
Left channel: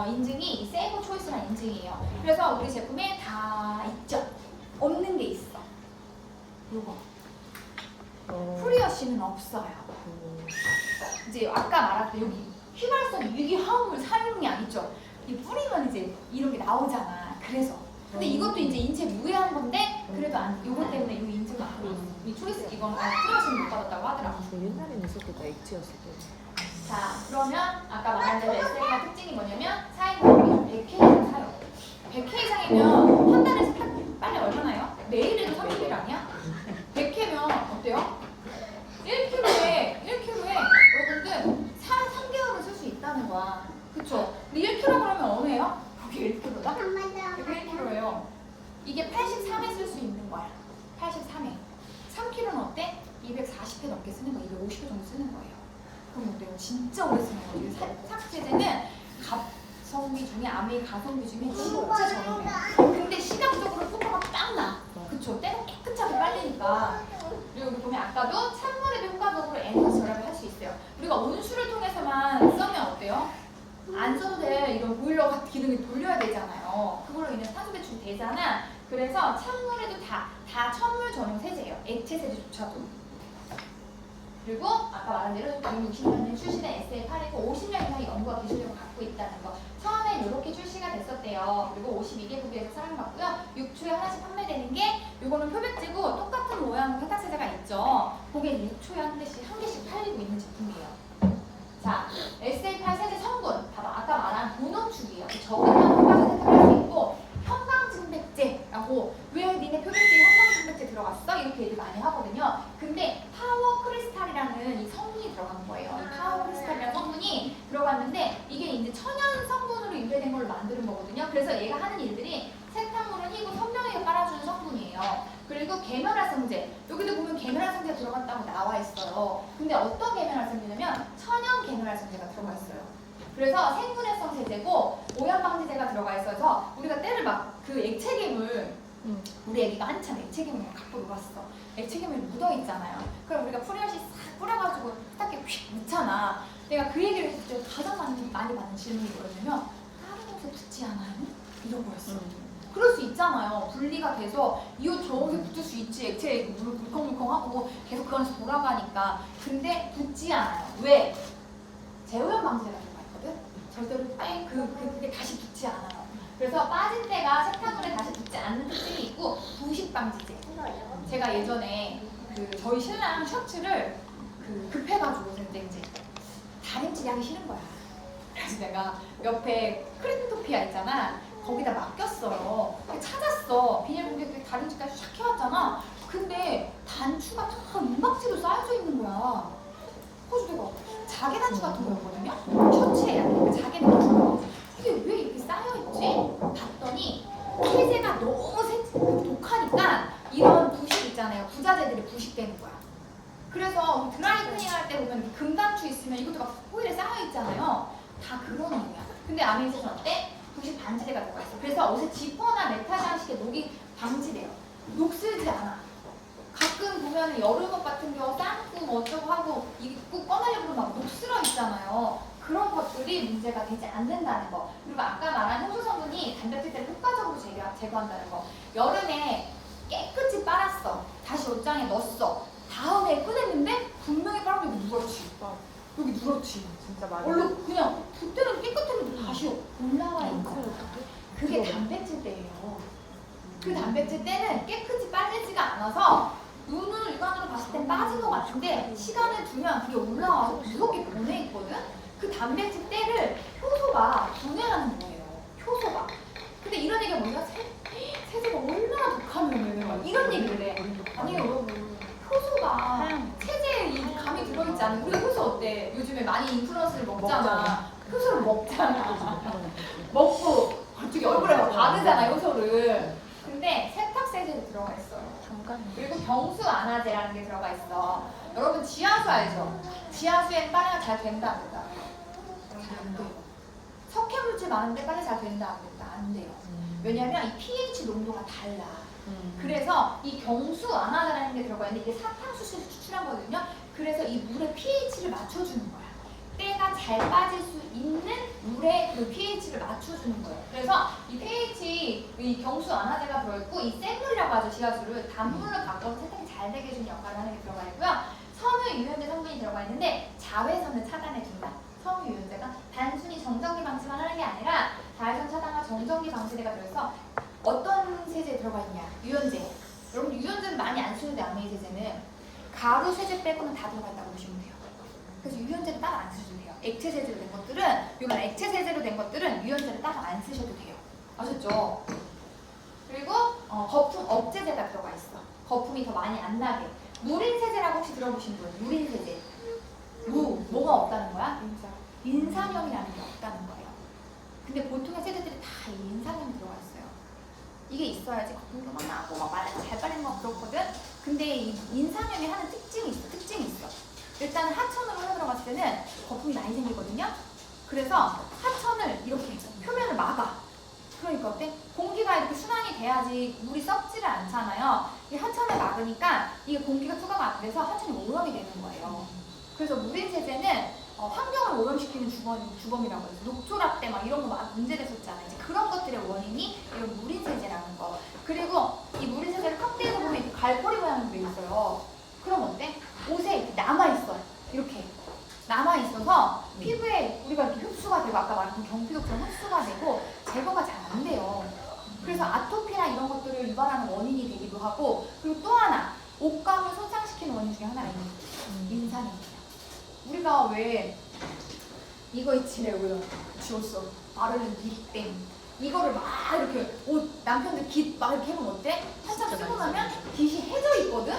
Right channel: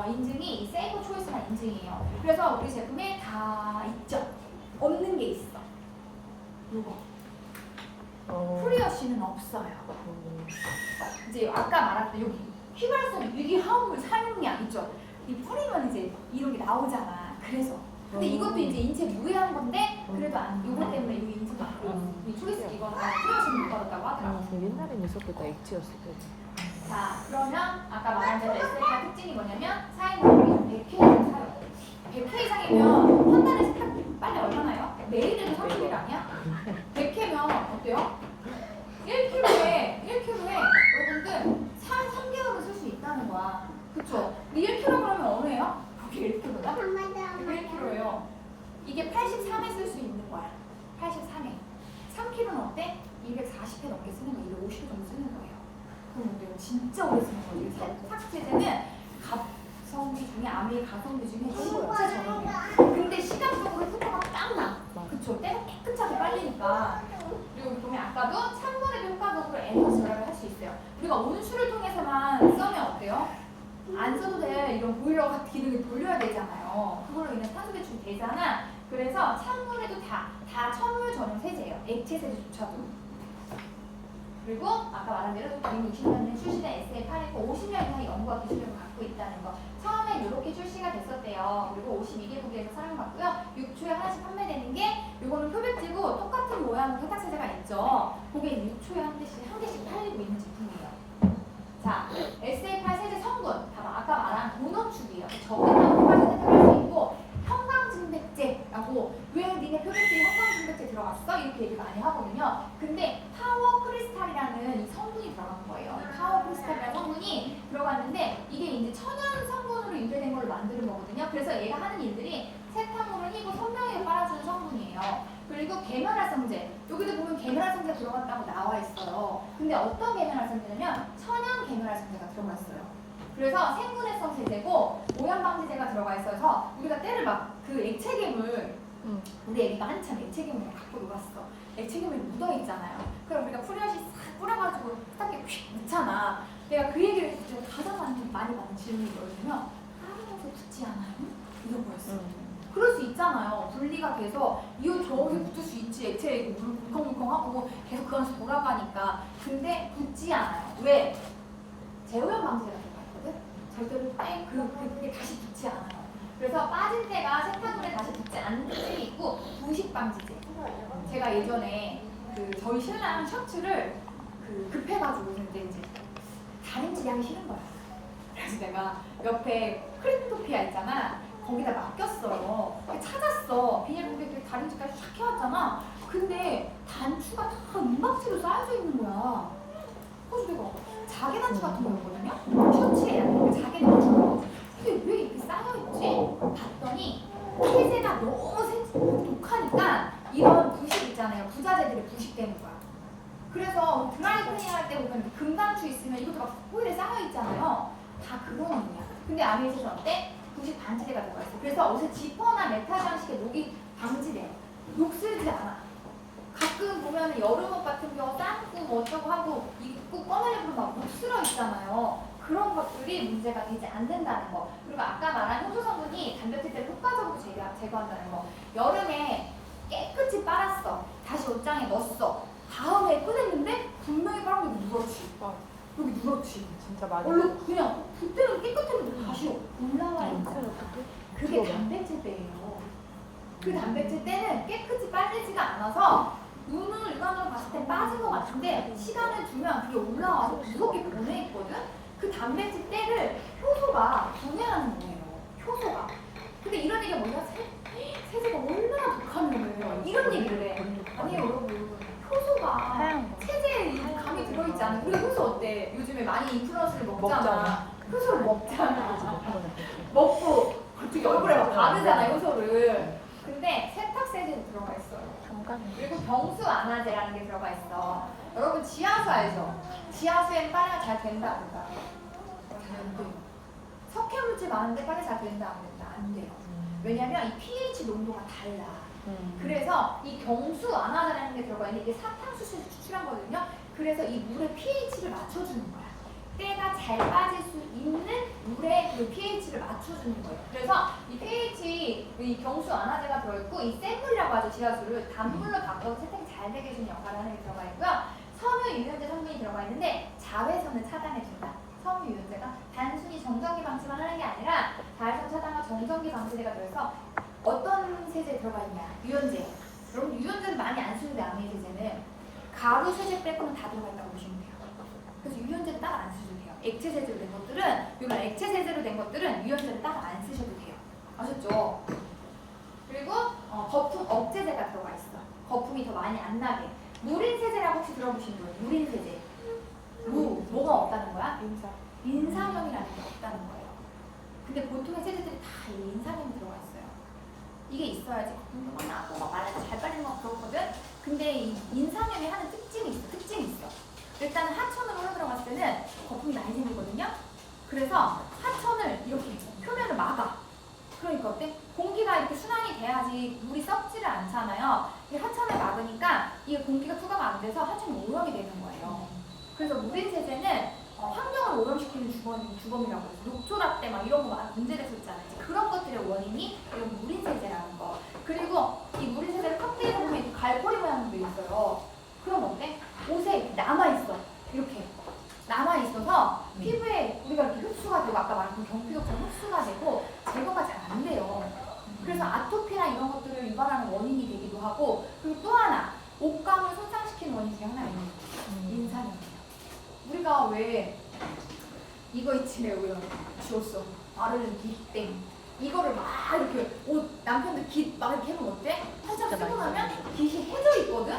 인증이 이 세이프 초이스라는 인증이에요. 그래서 우리 제품에 다 있죠. 없는 게 있어. 요거. 프리어시는 없어요. 이제 아까 말했던 여기 휘발성 유기 화합물 사용량 있죠. 이 뿌리면 이제 이런 게 나오잖아. 그래서. 근데 이것도 이제 인체 무해한 건데 그래도 안 이거 때문에 이 인증 받고 이 초이스 이거는 프리어시는 못 받았다고 하더라고. 옛날에는 있었겠다 액체였을 때. 자, 그러면 아까 말한 대로 SA가 특징이 뭐냐면 사용량이 100K 이상 사요. 100K 이상이면 한 달에 빨리 얼마나요? 매일에도 30일 아니야? 100K면 어때요? 1kg에 여러분들 3개월은 쓸 수 있다는 거야. 그쵸? 근데 1kg 그러면 어느예요? 그게 1kg다? 그게 1kg예요. 이게 83회 쓸 수 있는 거야. 83회. 3kg는 어때? 240회 넘게 쓰는 거야. 250회 정도 쓰는 거예요. 그럼 어때요? 진짜 오래 쓰는 거예요. 삭제제는 가성비 중에 아메 가성비 중에 진짜 저렴해요. 근데 시각적으로 효과가 딱 나. 그쵸? 때가 깨끗하게 빨리니까. 여기 보면 아까도 찬물에도 효과적으로 에너지 절약을 할 수 있어요. 우리가 온수를 통해서만 쓰면 어때요? 안 써도 돼. 이런 보일러 같은 기능을 돌려야 되잖아요. 그걸로 인해서 탄소 배출이 되잖아. 그래서 찬물에도 다 천물 전용 세제예요. 액체 세제조차도. 그리고 아까 말한 대로 2060년에 출시된 SL8이고 50년 이상의 연구와 기술력을 갖고 있다는 거. 처음에 이렇게 출시가 됐었대요. 그리고 52개국에서 사랑받고요. 6초에 하나씩 판매되는 게 이거는 표백제고 똑같은 모양의 세탁세제가 있죠. 그게 6초에 한 개씩 팔리고 있는 제품이에요. 자, SL8 세제 성분. 봐봐. 아까 말한 고농축이에요. 적은 효과를 세탁할 수 있고 형광증백제라고 왜 니네 표백제에 형광증백제 들어갔어? 이렇게 얘기 많이 하거든요. 근데 파워 크리스탈이라는 이 성분이 들어간 거예요. 이 파워 크리스탈이라는 성분이 들어갔는데 이게 이제 천연 성분으로 유래된 걸 만드는 거거든요. 그래서 얘가 하는 일들이 세탁물을 희고 선명하게 빨아주는 성분이에요. 그리고 계면활성제. 여기도 보면 계면활성제가 들어갔다고 나와 있어요. 근데 어떤 계면활성제냐면 천연 계면활성제가 들어가 있어요. 그래서 생분해성 세제고 오염방지제가 들어가 있어서 우리가 때를 막 그 액체괴물 우리 애기가 한참 액체괴물을 갖고 놀았어. 액체괴물이 묻어있잖아요. 그럼 우리가 프리어시 싹 뿌려가지고 딱 이렇게 휙 넣잖아. 내가 그 얘기를 했을 때 가장 많이 받는 질문이 뭐였냐면 다른 옷에 붙지 않아요? 이런 거였어. 그럴 수 있잖아요. 분리가 돼서 이 옷 저 옷에 붙을 수 있지. 액체에 물을 물컹물컹하고 계속 그 안에서 돌아가니까. 근데 붙지 않아요. 왜? 재오염 방지제가 들어가 있거든? 절대로 그때 다시 붙지 않아요. 그래서 빠진 때가 세탁물에 다시 붙지 않는 특징이 있고 부식 방지제. 제가 예전에 저희 신랑 셔츠를 급해가지고 근데 이제 다림질이 하기 싫은 거야. 그래서 내가 옆에 크리토피아 있잖아. 거기다 맡겼어. 찾았어. 비닐봉지에 다림질까지 샥 해왔잖아. 근데 단추가 다 민박지로 쌓여져 있는 거야. 그래서 내가 자개 단추 같은 거였거든요. 셔츠에 약간 자개 단추가 이게 왜 이렇게 쌓여있지? 봤더니 세제가 너무 독하니까 금강추 있으면 이것도 막 호일에 쌓여 있잖아요. 다 그런 의미야. 근데 아메이저는 어때? 도시 반지대가 들어가 있어. 그래서 옷에 지퍼나 메탈 장식에 녹이 방지돼요. 녹 슬지 않아. 가끔 보면은 여름 옷 같은 경우 땀고 뭐 어쩌고 하고 입고 꺼내려고 막 녹슬어 있잖아요. 그런 것들이 문제가 되지 않는다는 거. 그리고 아까 말한 효소 성분이 단백질들을 효과적으로 제거한다는 거. 여름에 깨끗이 빨았어. 다시 옷장에 넣었어. 다음에 꺼냈는데 분명히 빨은 여기 누렇지. 여기 누렇지. 진짜 많이. 얼른 그냥 그때는 깨끗했는데 다시 올라와 있는 거. 그게 단백질때예요. 그 단백질때는 깨끗이 빨리지가 않아서 눈으로 육안으로 봤을 땐 빠진 것 같은데 시간을 두면 그게 올라와서 무겁게 보내 있거든. 그 단백질때를 효소가 분해하는 거예요. 효소가. 근데 이런 얘기가 뭐냐? 세제가 얼마나 독하면은 이런 얘기를 해. 아니 여러분 효소가 세제에 이 감이 들어있지 않아요? 우리 효소 어때? 요즘에 많이 인플루언서를 먹잖아. 효소를 먹잖아. 먹고 갑자기 얼굴에 막 바르잖아 효소를. 근데 세탁세제도 들어가 있어요. 그리고 병수 안화제라는 게 들어가 있어. 여러분 지하수 알죠? 지하수엔 빨래가 잘 된다 안 된다? 안 돼요. 석회 물질 많은데 빨리 잘 된다 안 된다? 안 돼요. 왜냐면 이 pH 농도가 달라. 그래서 이 경수 안화제라는 게 들어가 있는데 이게 사탕수수에서 추출한 거거든요. 그래서 이 물의 pH를 맞춰주는 거야. 때가 잘 빠질 수 있는 물의 그 pH를 맞춰주는 거예요. 그래서 이 pH, 이 경수 안화제가 들어있고 이 샘물이라고 하죠. 지하수를 단물로 바꿔서 세탁이 잘 되게 해주는 역할을 하는 게 들어가 있고요. 섬유 유연제 성분이 들어가 있는데 자외선을 차단해준다. 섬유 유연제가 단순히 정전기 방지만 하는 게 아니라 자외선 차단과 정전기 방지제가 들어서 어떤 세제에 들어가 있냐? 유연제. 여러분 유연제는 많이 안 쓰는데 아메이제제는 가루 세제 빼고는 다 들어가 있다고 보시면 돼요. 그래서 유연제를 따로 안 쓰셔도 돼요. 액체 세제로 된 것들은, 이건 액체 세제로 된 것들은 유연제를 따로 안 쓰셔도 돼요. 아셨죠? 그리고 거품 억제제가 들어가 있어. 거품이 더 많이 안 나게. 누린 세제라고 혹시 들어보신 분? 누린 세제. 뭐가 없다는 거야? 인산염이라는 게 없다는 거예요. 근데 보통의 세제들이 다 인산염이 들어가 있어요. 이게 있어야지 거품도 나고 막 잘 빨리는 거 그렇거든. 근데 이 인산염이 하는 특징이 있어. 일단 하천으로 흘러들어갔을 때는 거품이 많이 생기거든요. 그래서 하천을 이렇게 표면을 막아. 그러니까 어때? 공기가 이렇게 순환이 돼야지 물이 썩지를 않잖아요. 이 하천을 막으니까 이게 공기가 투과가 안 돼서 하천이 오염이 되는 거예요. 그래서 누린 세제는 환경을 오염시키는 주범이라고 해서 녹조랍 때 막 이런 거 막 문제됐었잖아요. 이제 그런 것들의 원인이 이런 누린 세제라는 거. 그리고 이 누린 세제를 칵테일을 보면 이렇게 갈고리 모양으로 돼 있어요. 그럼 어때? 옷에 이렇게 남아있어. 이렇게 남아있어서 피부에 우리가 이렇게 흡수가 되고 아까 말한 경피독처럼 흡수가 되고 제거가 잘 안 돼요. 그래서 아토피나 이런 것들을 유발하는 원인이 되기도 하고, 그리고 또 하나 옷감을 손상시키는 원인 중에 하나예요. 인산염이에요. 우리가 왜 이거 있지 내가 지웠어. 마르는 깃땡. 이거를 막 이렇게 옷 남편들 깃 막 이렇게 해보면 어때? 한참 쓰고 나면 깃이 해져 있거든?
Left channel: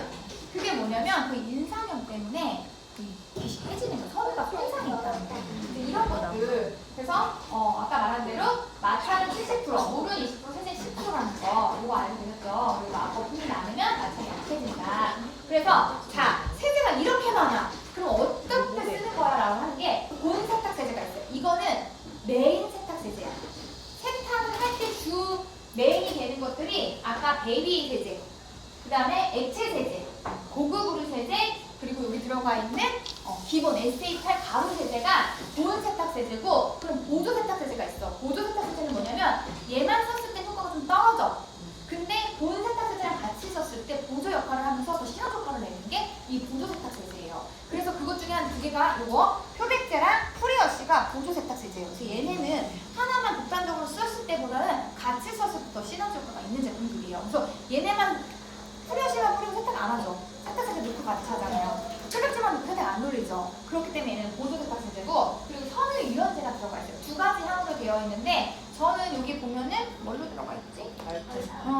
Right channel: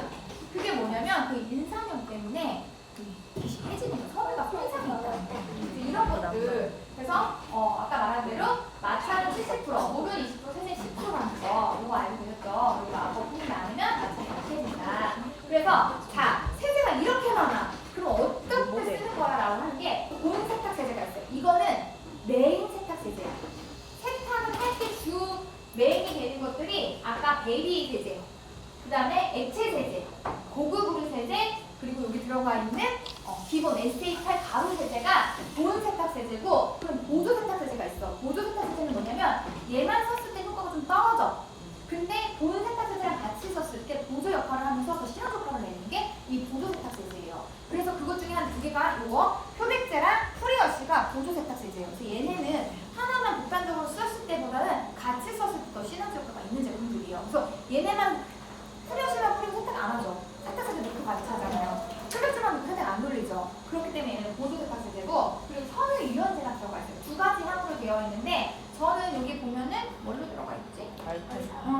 그게 뭐냐면 그 인산염 때문에 그 깃이 해지는 거, 섬유가 손상이 있다는 거. 이런 것들. 그래서 아까 말한 대로 마찰은 70%, 물은 20%, 세제 10%라는 거. 이거 알고 계셨죠? 그리고 거품이 많으면 나중에 약해진다. 그래서 자, 세제가 이렇게 많아. 그럼 어떻게 쓰는 거야? 라고 하는 게 고온 세탁 세제가 있어요. 이거는 메인 세탁 세제야. 세탁을 할 때 주 메인이 되는 것들이 아까 베이비 세제, 그 다음에 액체 세제, 고급 우르 세제, 그리고 여기 들어가 있는 기본 SA8 가루 세제가 고온 세탁 세제고, 그럼 보조 세탁 세제가 있어. 보조 세탁 세제는 뭐냐면 얘만 썼을 때 효과가 좀 떨어져. 근데 고온 세탁 세제랑 같이 썼을 때 보조 역할을 하면서 더 시너지 효과를 내는 게 이 보조 세탁 세제예요. 그래서 그것 중에 한 두 개가 이거 표백제랑 프리어시가 보조 세탁 세제예요. 그래서 얘네는 하나만 독단적으로 썼을 때보다는 같이 썼을 때 더 시너지 효과가 있는 제품들이에요. 그래서 얘네만 프리어시만 뿌리면 세탁 안 하죠. 세탁 세제 놓고 같이 하잖아요. 표백제만 놓고 세탁 안 돌리죠. 그렇기 때문에 얘는 보조 세탁 세제고, 그리고 섬유 유연제가 들어가 있어요. 두 가지 향으로 되어 있는데 저는 여기 보면은 뭘로 들어가 있지?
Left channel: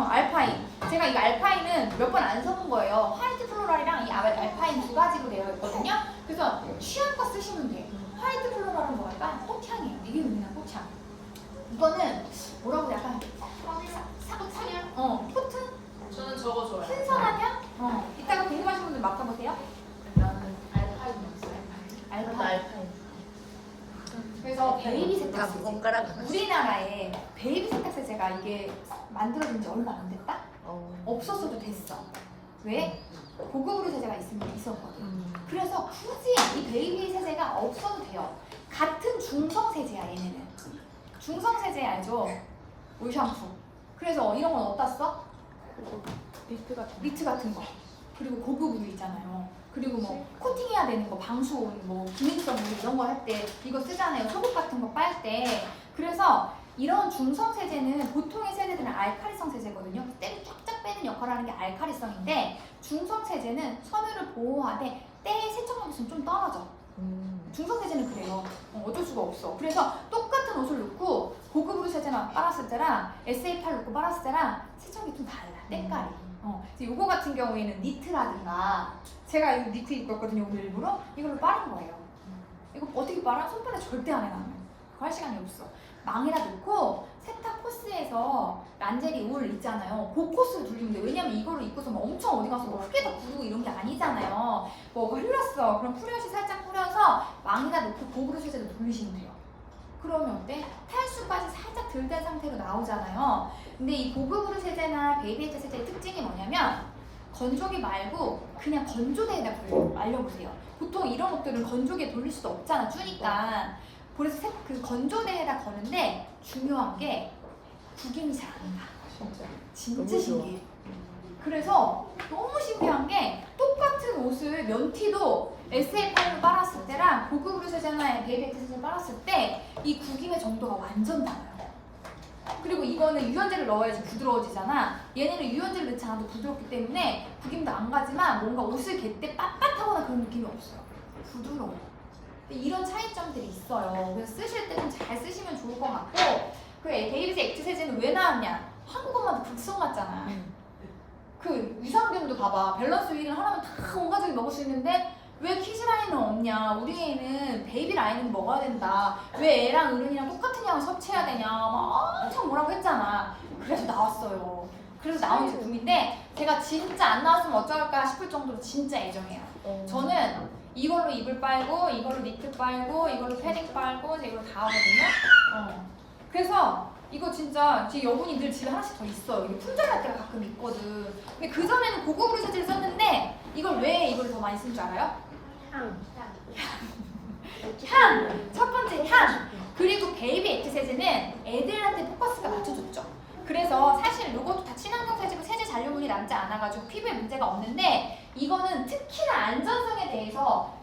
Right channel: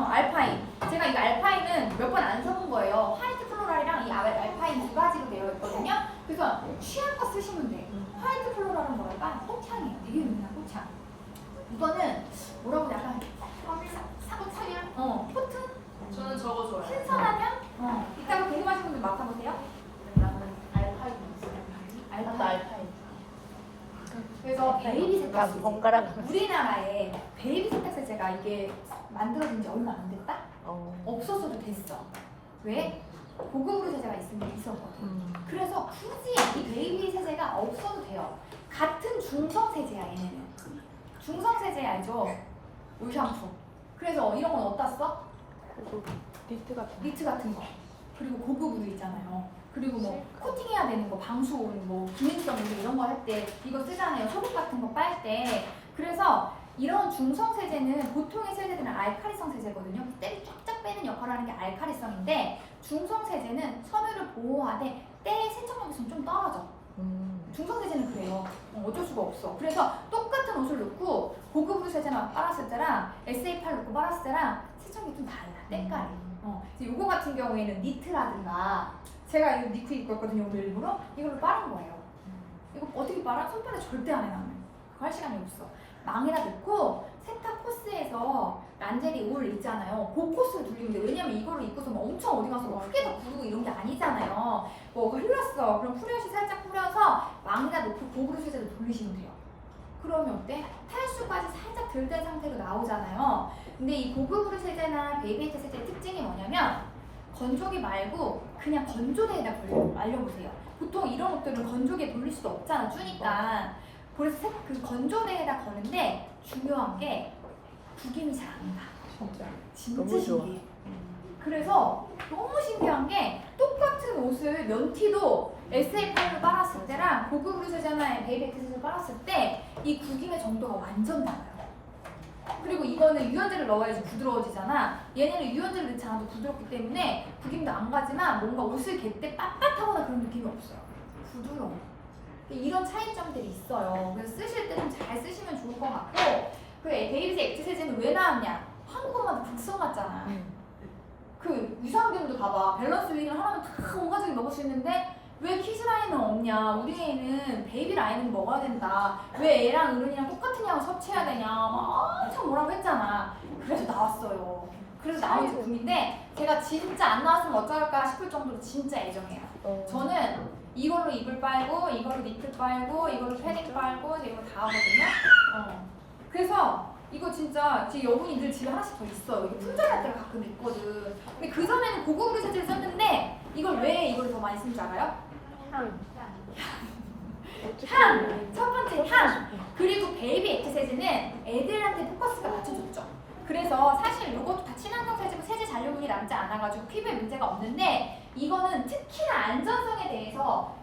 알파인. 제가 이 알파인은 몇 번 안 써본 거예요. 화이트 플로랄이랑 이 알파인 두 가지로 되어 있거든요. 그래서 취향껏 쓰시면 돼요. 화이트 플로랄은 뭐랄까? 꽃향이에요. 되게 유명한 꽃향. 이거는 뭐라고 해야 할까? 사탕향? 코튼? 저는 저거 좋아해요. 신선한 향? 이따가 궁금하신 분들 맡아보세요. 나는 알파인 있어요. 베이비 세탁 세제. 우리나라에 베이비 세탁 세제가 이게 만들어진 지 얼마 안 됐다? 없었어도 됐어. 왜? 고급으로 세제가 있었거든. 그래서 굳이 이 베이비 세제가 없어도 돼요. 같은 중성 세제야 얘네는. 중성 세제 알죠? 올 샴푸. 그래서 이런 건 어디다 써? 미트 같은 거. 그리고 고급으로 있잖아요. 그리고 뭐 코팅해야 되는 거, 방수온, 뭐 기능성 이런 거 할 때 이거 쓰잖아요. 소금 같은 거 빨 때. 그래서 이런 중성 세제는 보통의 세제들은 알칼리성 세제거든요. 때를 쫙쫙 빼는 역할을 하는 게 알칼리성인데 중성 세제는 섬유를 보호하되 때 세척력이 있으면 좀 떨어져. 중성 세제는 그래요. 어쩔 수가 없어. 그래서 똑같은 옷을 넣고 고급으로 세제만 빨았을 때랑 SA8 넣고 빨았을 때랑 세척이 좀 달라. 때깔이. 그래서 요거 같은 경우에는 니트라든가 제가 이 니트 입고 왔거든요. 오늘 일부러 이걸로 빠른 거예요. 이거 어떻게 빨아? 손바닥 절대 안 해 나는. 그거 할 시간이 없어. 망에다 넣고 세탁 코스에서 란제리 올 있잖아요. 그 코스를 돌리면 돼요. 왜냐면 이거를 입고서 막 엄청 어디 가서 뭐 크게 다 부르고 이런 게 아니잖아요. 뭐 흘렀어. 그럼 후레쉬 살짝 뿌려서 망에다 넣고 고그로 세제로 돌리시면 돼요. 그러면 어때? 탈수까지 살짝 덜 된 상태로 나오잖아요. 근데 이 고급으로 세제나 베이비에이트 세제의 특징이 뭐냐면 건조기 말고 그냥 건조대에다 말려보세요. 보통 이런 옷들은 건조기에 돌릴 수도 없잖아. 추니까. 그래서 그 건조대에다 거는데 중요한 게 구김이 잘 안 나. 진짜 신기해. 그래서 너무 신기한 게 똑같은 옷을 면티도 SA8로 빨았을 때랑 고급으로 세제나 베이비에이트 세제를 빨았을 때 이 구김의 정도가 완전 달라요. 그리고 이거는 유연제를 넣어야지 부드러워지잖아. 얘네는 유연제를 넣지 않아도 부드럽기 때문에 구김도 안 가지만 뭔가 옷을 갤 때 빳빳하거나 그런 느낌이 없어요. 부드러워. 이런 차이점들이 있어요. 그래서 쓰실 때 좀 잘 쓰시면 좋을 것 같고 그 베이비즈 액트 세제는 왜 나왔냐? 한국어만 극성 같잖아. 그 유산균도 봐봐. 밸런스 윙을 하나만 다 온가족이 먹을 수 있는데 왜 키즈 라인은 없냐? 우리 애는 베이비 라인은 먹어야 된다. 왜 애랑 어른이랑 똑같은 양을 섭취해야 되냐? 막 엄청 뭐라고 했잖아. 그래서 나왔어요. 그래서 나온 제품인데 제가 진짜 안 나왔으면 어쩔까 싶을 정도로 진짜 애정해요. 저는 이걸로 이불 빨고, 이걸로 니트 빨고, 이걸로 패딩 빨고, 이걸로 다 하거든요. 그래서 이거 진짜 제 여분이 늘 집에 하나씩 더 있어요. 이게 품절할 때가 가끔 있거든. 근데 그 전에는 고급으로 세제를 썼는데 이걸 왜 이걸 더 많이 쓴 줄 알아요? 향. 첫 번째 향. 그리고 베이비 액트 세제는 애들한테 포커스가 맞춰줬죠. 그래서 사실 이것도 다 친환경 세제고 세제 잔류물이 남지 않아가지고 피부에 문제가 없는데 이거는 특히나 안전성에 대해서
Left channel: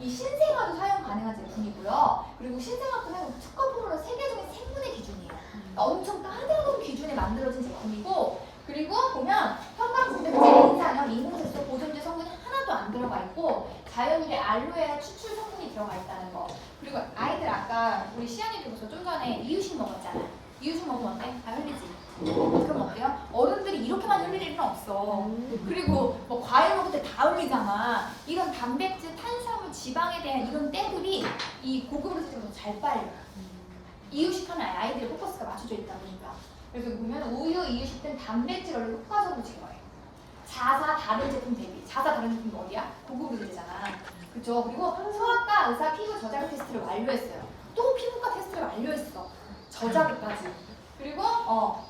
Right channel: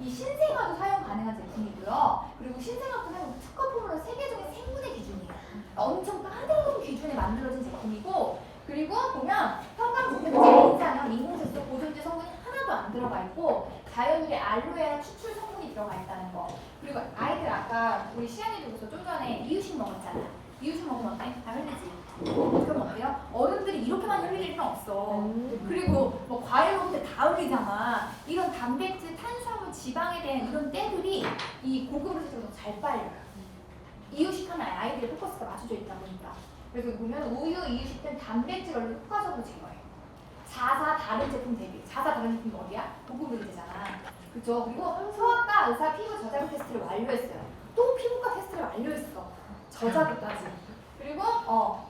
이 신생아도 사용 가능한 제품이고요. 그리고 신생아뿐 아니라 특허 포뮬러 세계 중에 생분해 기준이에요. 그러니까 엄청 까다로운 기준에 만들어진 제품이고 그리고 보면 형광고무제, 인산염, 인공색소, 보존제 성분이 하나도 안 들어가 있고 자연유래 알로에와 추출 성분이 들어가 있다는 거. 그리고 아이들 아까 우리 시연이들로서 좀 전에 이유식 먹었잖아. 이유식 먹으면 다 흘리지. 그럼 어때요? 어른들이 이렇게만 흘릴 일은 없어. 그리고 뭐 과일 먹을 때 다 흘리잖아. 이런 단백질, 탄수화물, 지방에 대한 이런 때들이 이 고급으로 세제가 더 잘 빨려요. 이유식하면 아이들의 포커스가 맞춰져 있다 보니까. 그래서 보면 우유, 이유식 등 단백질을 효과적으로 제거해요. 자사 다른 제품 대비. 자사 다른 제품 어디야? 고급으로 세제잖아. 그죠? 그리고 소아과 의사 피부 저자극 테스트를 완료했어요. 또 피부과 테스트를 완료했어. 저자극까지. 그리고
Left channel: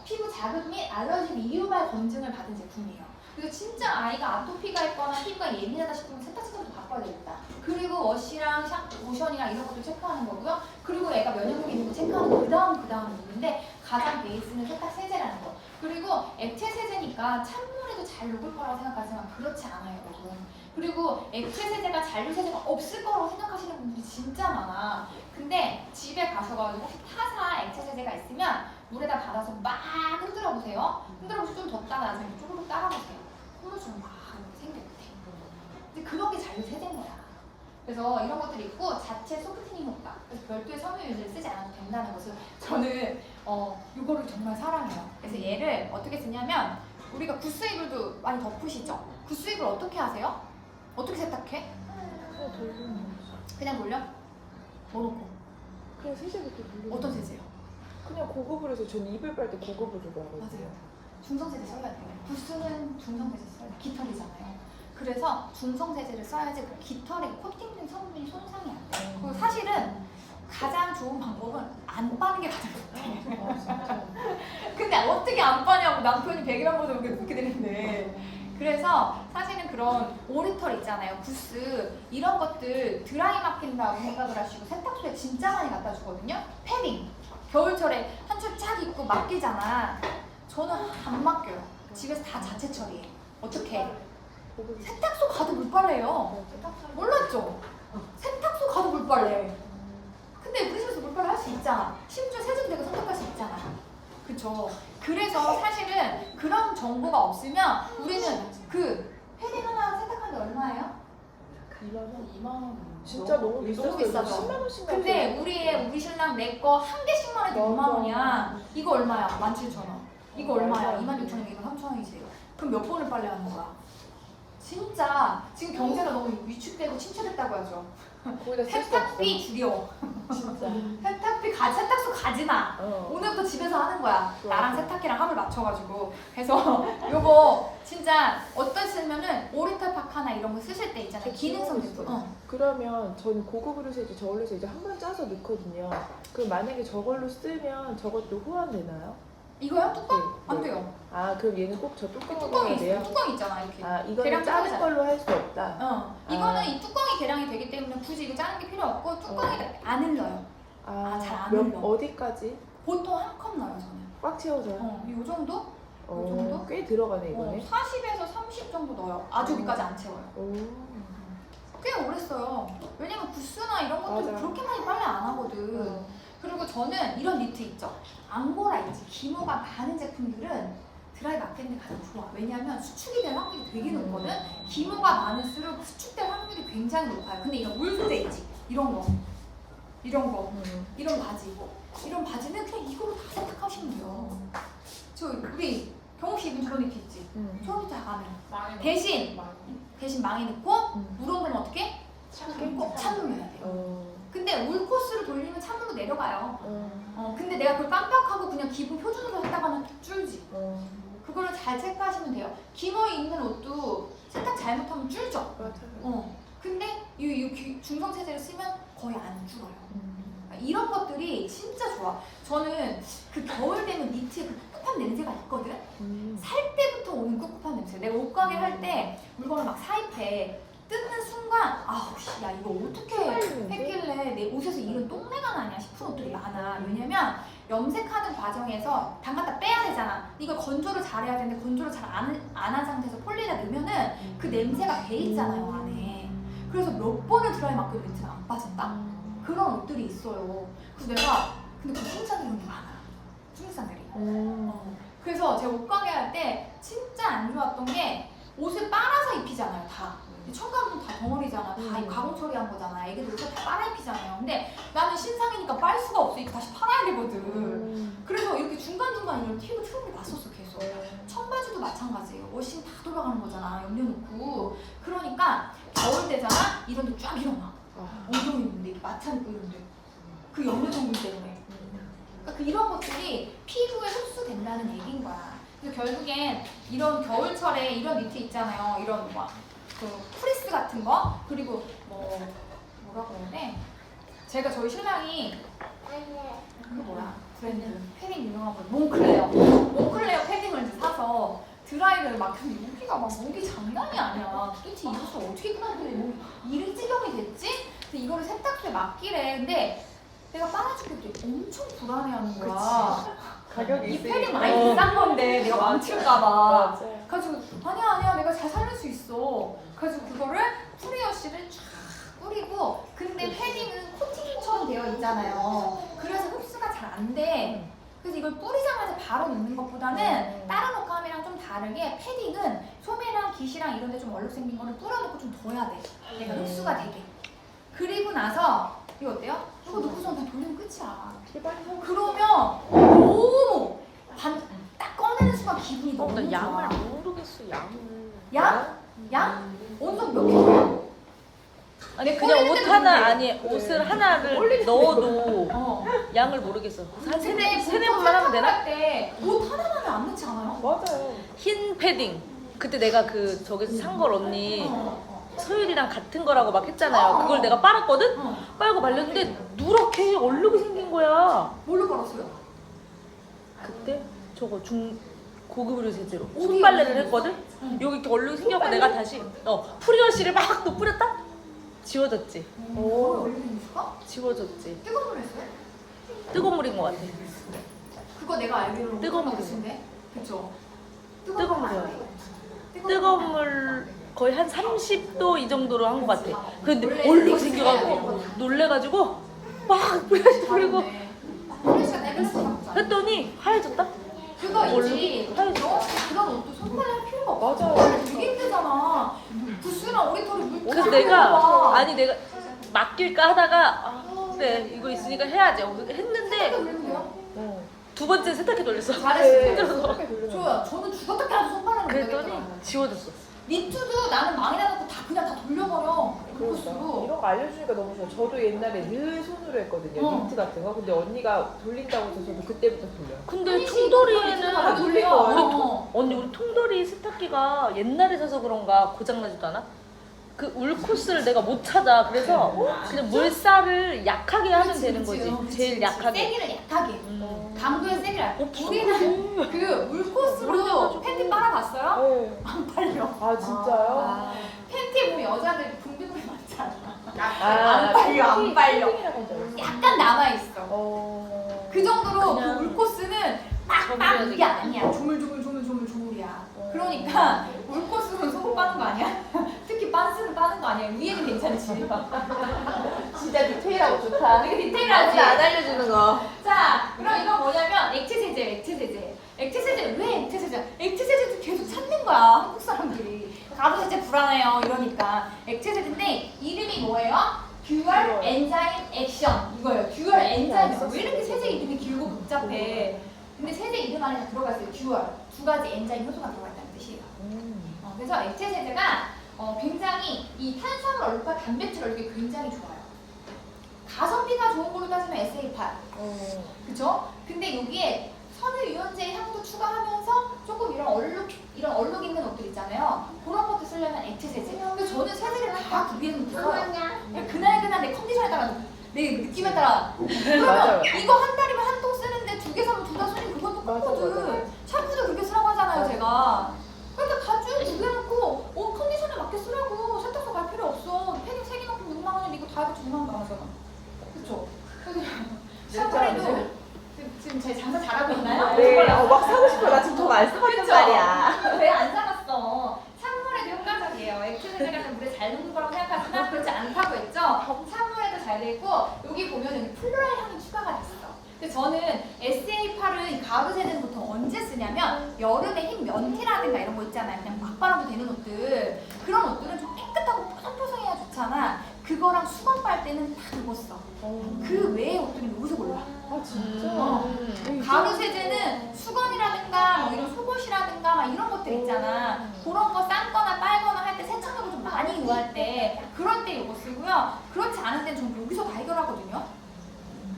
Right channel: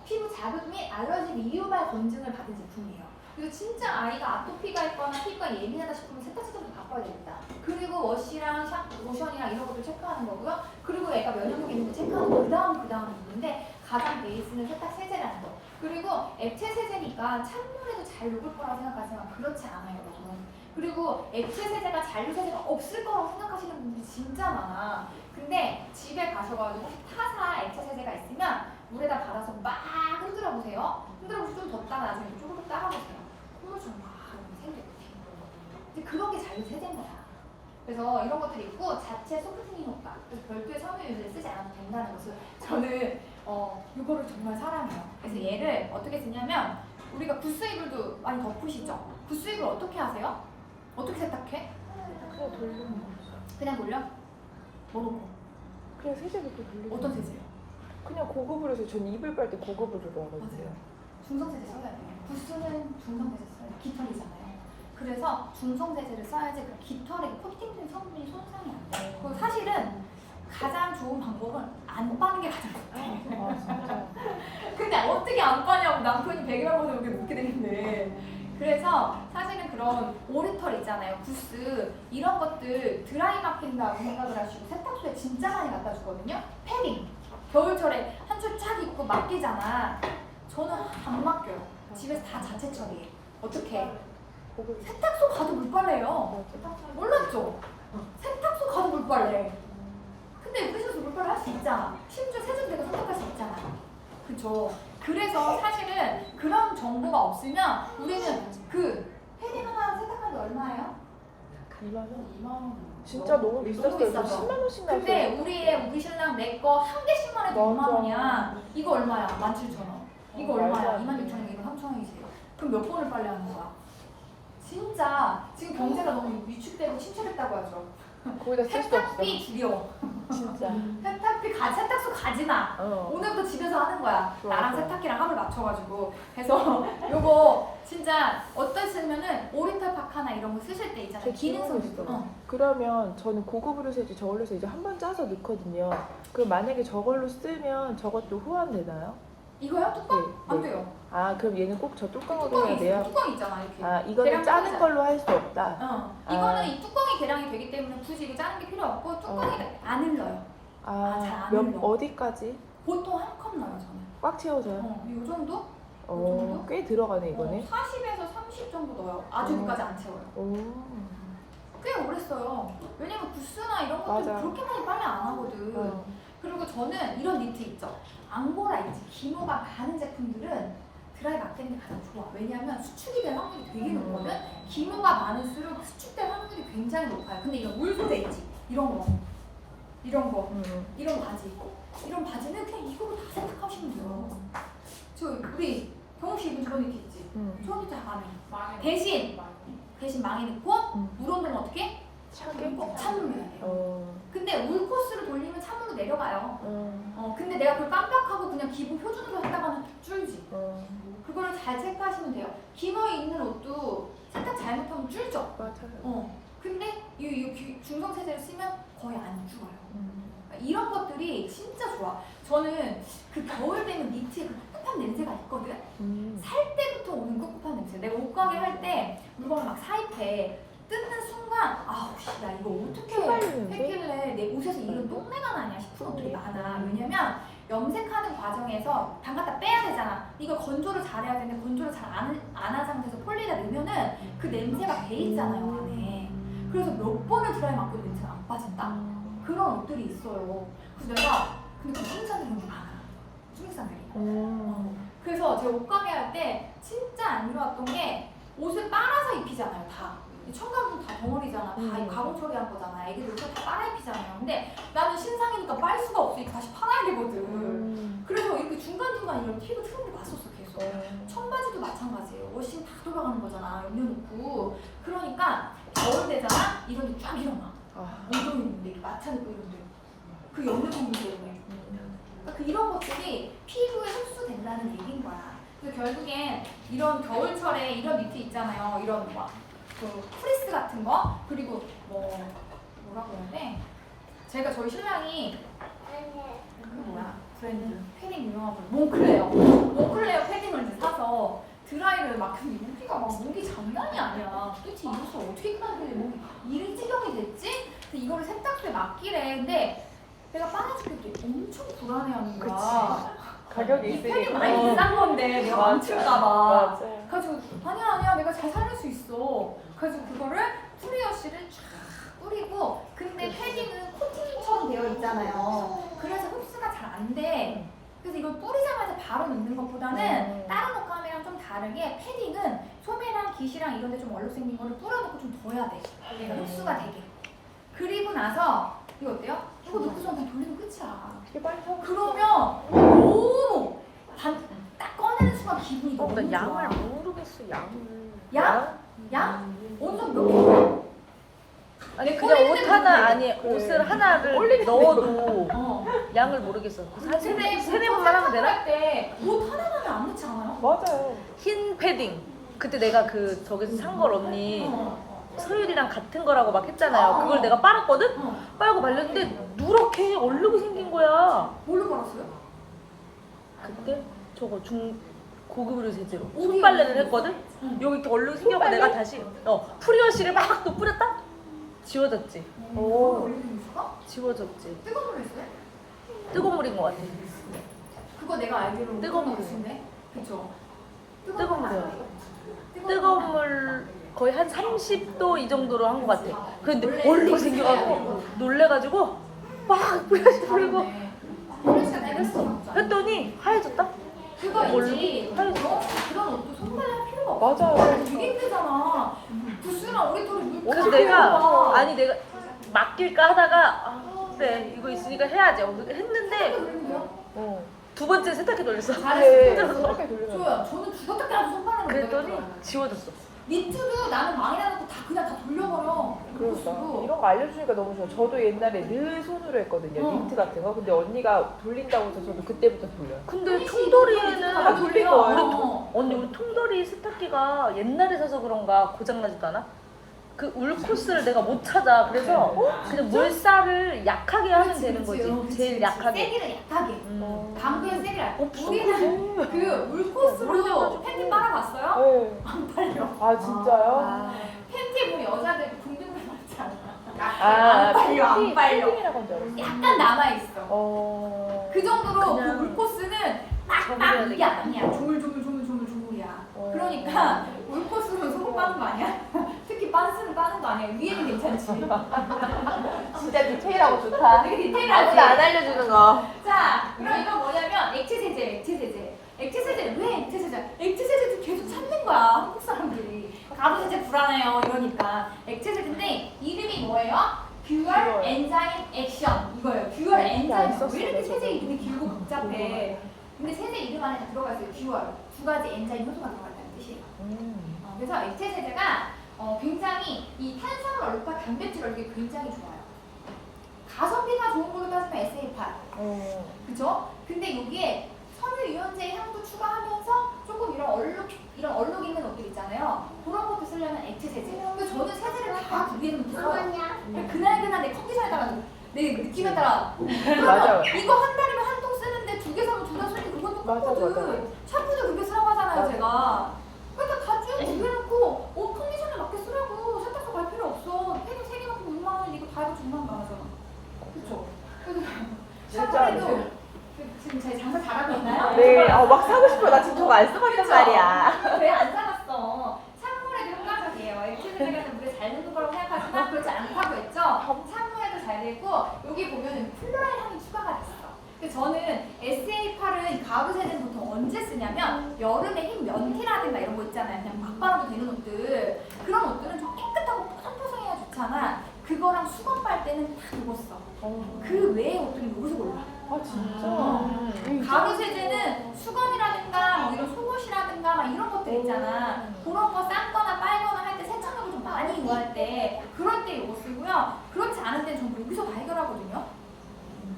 피부 자극 및 알러지 미리오발 검증을 받은 제품이에요. 그래서 진짜 아이가 아토피가 있거나 피부가 예민하다 싶으면 세탁제부터 바꿔야 됩니다. 그리고 워시랑 샴푸, 로션이랑 이런 것도 체크하는 거고요. 그리고 애가 면역력이 있는지 체크하는 거 그 다음이 있는데 가장 베이스는 세탁 세제라는 거. 그리고 액체 세제니까 찬물에도 잘 녹을 거라고 생각하지만 그렇지 않아요, 여러분. 그리고 액체 세제가 잔류 세제가 없을 거라고 생각하시는 분들이 진짜 많아. 근데 집에 가셔가지고 타사 액체 세제가 있으면 물에다 받아서 막 흔들어 보세요. 흔들어 보시고 좀 더 따라서 조금 따라보세요. 그러면 막 이렇게 생겨요. 근데 그런 게 잔류 세제인 거야. 그래서 이런 것들이 있고 자체 소프트닝 효과. 그래서 별도의 섬유 유제를 쓰지 않아도 된다는 것을 저는 이거를 정말 사랑해요. 그래서 얘를 어떻게 쓰냐면 우리가 구스 이불도 많이 덮으시죠? 구스 이불 어떻게 하세요? 어떻게 세탁해? 그냥 돌려? 뭐 넣고? 그냥 세제부터 어떤 세제요? 그냥 고급으로 해서 전 이불 빨 때 고급으로 하고 맞아요. 중성세제 써야 돼요. 구스는 중성세제 써요. 깃털이잖아요. 그래서 중성세제를 써야지 그 깃털에 코팅된 성분이 손상이 안 돼요. 그리고 사실은 가장 좋은 방법은 안 빠는 게 가장 좋대. 근데 어떻게 안 빠냐고 남편이 100이라고 해서 우리가 묻게 되는데. 그래서 사실은 그런 오리털 있잖아요. 구스 이런 것들 드라이 맡긴다고 생각을 하시고 세탁소에 진짜 많이 갖다 주거든요. 패딩 겨울철에 한 줄 쫙 입고 맡기잖아. 저는 안 맡겨요. 집에서 다 자체 처리해. 어떻게? 세탁소 가도 물빨래요. 몰랐죠? 세탁소 가도 물빨래. 근데 우리 집에서 물빨래 할 수 있잖아. 심지어 세정대가 선택할 수 있잖아. 그쵸? 그래서 사실은 그런 정보가 없으면 우리는 그 패딩 하나 세탁하는데 얼마예요? 2만 원. 진짜 너무 너무 비싸죠? 10만 원씩 근데 우리 신랑 내 거 한 개씩만 해도 2만 원이야. 이거 얼마야? 17,000원. 이거 얼마야? 26,000원. 이거 3,000원이지. 그럼 몇 번을 빨래하는 거야? 진짜 지금 경제가 너무 위축되고 침체됐다고 하죠. 세탁비 줄여. 세탁비 세탁소 가지 마. 오늘부터 집에서 하는 거야. 나랑 세탁기랑 합을 맞춰가지고. 그래서 요거 진짜 어떠시면은 오리털 파카나 이런 거 쓰실 때 있잖아요. 기능성 제품. 그러면 저는 고급으로 세지 저걸로 세지 한 번 짜서 넣거든요. 그럼 만약에 저걸로 쓰면 저것도 호환되나요? 이거요? 뚜껑? 네. 안 돼요. 아 그럼 얘는 꼭 저 뚜껑으로 뚜껑이 있어요. 해야 뚜껑 있잖아 이렇게. 아 계량 이거는 작은 뚜껑이잖아. 걸로 할 수 없다. 이거는 이 뚜껑이 계량이 되기 때문에 굳이 이거 짜는 게 필요 없고 뚜껑이 안 흘러요. 잘 안 몇- 흘러. 어디까지? 보통 한 컵 넣어요 저는. 꽉 채워져요? 이 정도? 이 오, 정도? 꽤 들어가네 이거네. 40에서 30 정도 넣어요. 아주 여기까지 안 채워요. 오. 꽤 오래 써요. 왜냐면 구스나 이런 것들 맞아요. 그렇게 많이 빨래 안 하거든. 그리고 저는 이런 니트 있죠. 앙고라 있지. 기모가 많은 제품들은 드라이 맡기는 게 가장 좋아. 왜냐하면 수축이 될 확률이 되게 높거든. 기모가 많을수록 수축될 확률이 굉장히 높아요. 근데 이런 울 소재 있지. 이런 거. 이런 바지. 이런 바지는 그냥 이걸로 다 세탁하시면 돼요. 저 우리 경욱 씨 입은 저런 니트 있지. 저런 니트 안 해요. 대신 망에 넣고 물온도는 어떻게? 찬물로 해야 돼요. 근데 울 코스를 돌리면 찬물로 내려가요. 근데 내가 그걸 깜빡하고 그냥 기본 표준으로 했다가는 줄지. 그거를 잘 체크하시면 돼요. 기모에 입는 옷도 세탁 잘못하면 줄죠. 근데 이 중성 세제를 쓰면 거의 안 줄어요. 이런 것들이 진짜 좋아. 저는 그 겨울 되면 니트에 그 꿉꿉한 냄새가 있거든. 살 때부터 오는 꿉꿉한 냄새. 내가 옷가게 할 때 물건을 막 사입해. 뜯는 순간 야 이거 어떻게 했길래 내 옷에서 이런 똥내가 나냐 싶은 옷들이 많아. 왜냐면 염색하는 과정에서 담갔다 빼야 되잖아. 이거 건조를 잘 해야 되는데 건조를 잘 안 한 상태에서 폴리에다 넣으면은 그 냄새가 배 있잖아요 안에. 그래서 몇 번을 드라이 맡겨도 냄새가 안 빠진다. 그런 옷들이 있어요. 그래서 내가 근데 그 칭찬 이런 게 많아. 중국산들이. 그래서 제가 옷가게 할 때 진짜 안 좋았던 게 옷을 빨아서 입히잖아요 다. 청가분 다 덩어리잖아. 다 가공 처리한 거잖아. 애기들 옷을 다 빨아 입히잖아요. 근데 나는 신상이니까 빨 수가 없으니까 다시 팔아야 되거든. 그래서 이렇게 중간중간 이런 팁을 트는 게 났었어 계속. 청바지도 마찬가지예요. 옷이 다 돌아가는 거잖아. 염려놓고. 그러니까 겨울 되잖아. 이런 데 쫙 일어나. 엉덩이 있는데 이렇게 마찬 입고 이런데. 그 염려 성분 때문에. 그러니까 이런 것들이 피부에 흡수된다는 얘기인 거야. 그래서 결국엔 이런 겨울철에 이런 니트 있잖아요. 이런 그 프리스 같은 거 그리고 뭐라고 해야 돼? 제가 저희 신랑이 그거 뭐야 브랜드 패딩 유명한 거 몽클레어 패딩을 이제 사서 드라이를 맡겼는데 여기가 막 목이 장난이 아니야. 도대체 이 옷을 어떻게 입고 다니는데 목이 이런 지경이 됐지? 그래서 이거를 세탁소에 맡기래. 근데 내가 빨아줄 때 엄청 불안해하는 거야. 이 패딩 많이 비싼 건데 내가 망칠까봐. 그래가지고 아니야 내가 잘 살릴 수 있어. 그래서 그거를 프리워시를 쫙 뿌리고 근데 패딩은 코팅처럼 되어 있잖아요. 그래서 흡수가 잘 안 돼. 그래서 이걸 뿌리자마자 바로 넣는 것보다는 다른 옷감이랑 좀 다르게 패딩은 소매랑 깃이랑 이런 데 좀 얼룩 생긴 거를 뿌려놓고 좀 둬야 돼. 얘가 흡수가 되게. 그리고 나서 이거 어때요? 이거 넣고서 그냥 돌리면 끝이야. 그러면 너무 딱 꺼내는 순간 기분이 너무 좋아. 양을 모르겠어 양? 온도 몇 개? 아니 그냥 옷 하나 아니 옷을 하나를 넣어도 양을 모르겠어. 한 세네 번만 하면 되나? 옷 하나만에 안 넣지 않아요? 맞아요. 흰 패딩. 그때 내가 그 저기서 산 걸 언니 서율이랑 같은 거라고 막 했잖아요. 그걸 내가 빨았거든? 빨고 말렸는데 누렇게 얼룩이 생긴 거야. 뭘로 걸었어요? 그때 저거 고급 의료세제로 손빨래를 했거든? 여기 이렇게 얼룩이 생겨서 내가 다시 프리워시를 막 또 뿌렸다? 지워졌지. 올리는가? 지워졌지. 뜨거운 물 했어요? 뜨거운 물인 것 같아. 그거 내가 알기로는 뜨거운 물. 물인데, 그쵸? 뜨거운 물이요. 뜨거운 물 거의 한 30도 이 정도로 한 것 같아. 근데 얼룩이 생겨가지고 놀래가지고 막 뿌려시 뿌리고 프레시가 내렸어. 했더니 하얘졌다? 그거 있지. 그건 옷도 손빨래 할 필요가 없어. 맞아. 되게 힘들잖아. 부스랑 오리털이 물. 그래서 내가 내가 맡길까 하다가 그래 이거 있으니까 해야지 했는데 두 번째 세탁기 돌렸어. 잘했어. 힘들어서. 좋아요. 저는 죽었다 깨도 손빨래는 그랬더니 지워졌어. 니트도 나는 망이나 놓고 그냥 다 돌려버려. 그 코스로. 이런 거 알려주니까 너무 좋아. 저도 옛날에 늘 손으로 했거든요. 니트 같은 거. 근데 언니가 돌린다고 해서 저도 그때부터 돌려요. 근데 통돌이에는 다 돌려. 우리 통돌이 세탁기가 옛날에 사서 그런가 고장나지도 않아? 그 울코스를 내가 못 찾아. 그래서 그냥 물살을 약하게 하면 되는 거지. 제일 약하게. 세기를 약하게. 강도의 세기를 약하게. 진짜? 우리는 그 물코스로 팬티 빨아봤어요? 안 빨려. 아 진짜요? 팬티 보면 여자들 붕빙붕 맞잖아. 아, 안 빨려. 약간 남아있어. 그 정도로 그 그냥 물코스는 접어야 이게 되겠다. 아니야. 조물조물이야. 그러니까 물코스는 속을 빠는 거 아니야? 특히 빤스는 빠는 거 아니야? 위에는 괜찮지. 진짜 디테일하고 좋다. 되게 디테일하지? 안 알려주는 거. 자, 그럼 이거 뭐냐면 액체세제. 액체세제 왜 액체세제? 액체세제도 계속 찾는 거야 한국 사람들이. 가부세제 불안해요 이러니까. 액체세제인데 이름이 뭐예요? 듀얼 엔자임 액션 이거예요. 듀얼 엔자임. 왜 이렇게 세제 이름이 길고 복잡해? 근데 세제 이름 안에 다 들어가 있어요. 듀얼. 두 가지 엔자임 효소가 들어가 있다는 뜻이에요. 그래서 액체세제가 굉장히 이 탄수화물 얼룩과 단백질 얼룩이 굉장히 좋아요. 가성비가 좋은 걸로 따지면 SA8. 그죠? 근데 여기에 섬유유연제 향도 추가하면서 조금 이런 얼룩 있는 옷들 있잖아요. 그런 것도 쓰려면 액체세제. 근데 저는 세제를 다 구비해놓고 써요. 그날 내 컨디션에 따라 내 느낌에 따라. 그러면 이거 한 달이면 한 통 쓰는데 2개 사면 2달 쓰는 그것도 똑거든. 샴푸도 그렇게 쓰라고 하잖아요, 제가. 그러니까 다 쭉 구비해놓고 옷 컨디션에 맞게 쓰라고. 세탁소 갈 필요 없어. 패딩 3개 갖고 6만 원인데 이거 다 해도 2만 원 나가잖아. 그쵸? 그래서 샴푸에도 지금 제 장사 잘하고 있나요? 막 사고 싶어. 나 지금 저거 안 써봤단 말이야. 왜 안 사봤어? 찬물에도 효과적이에요. 액체세제가 좀 물에 잘 녹을 거라고 생각하시나 그렇지 않다고 했죠? 찬물에도 잘 되고 여기 보면 플로랄 향이 추가가 됐어. 근데 저는 SA8은 가부세제는 보통 언제 쓰냐면 여름에 흰 면티라든가 이런 거 있잖아요. 그냥 막 빨아도 되는 옷들. 그런 옷들은 좀 깨끗하고 뽀송뽀송해야 좋잖아. 그거랑 수건 빨 때는 다 입었어. 그 외의 옷들은 여기서 골라. 가루세제는 수건이라든가 뭐 이런 속옷이라든가 막 이런 것들 있잖아. 그런 거 삶거나 빨거나 할 때 세척력을 좀 많이 요구할 때 그럴 때 이거 쓰고요. 그렇지 않을 땐 전 여기서 다 해결하거든요.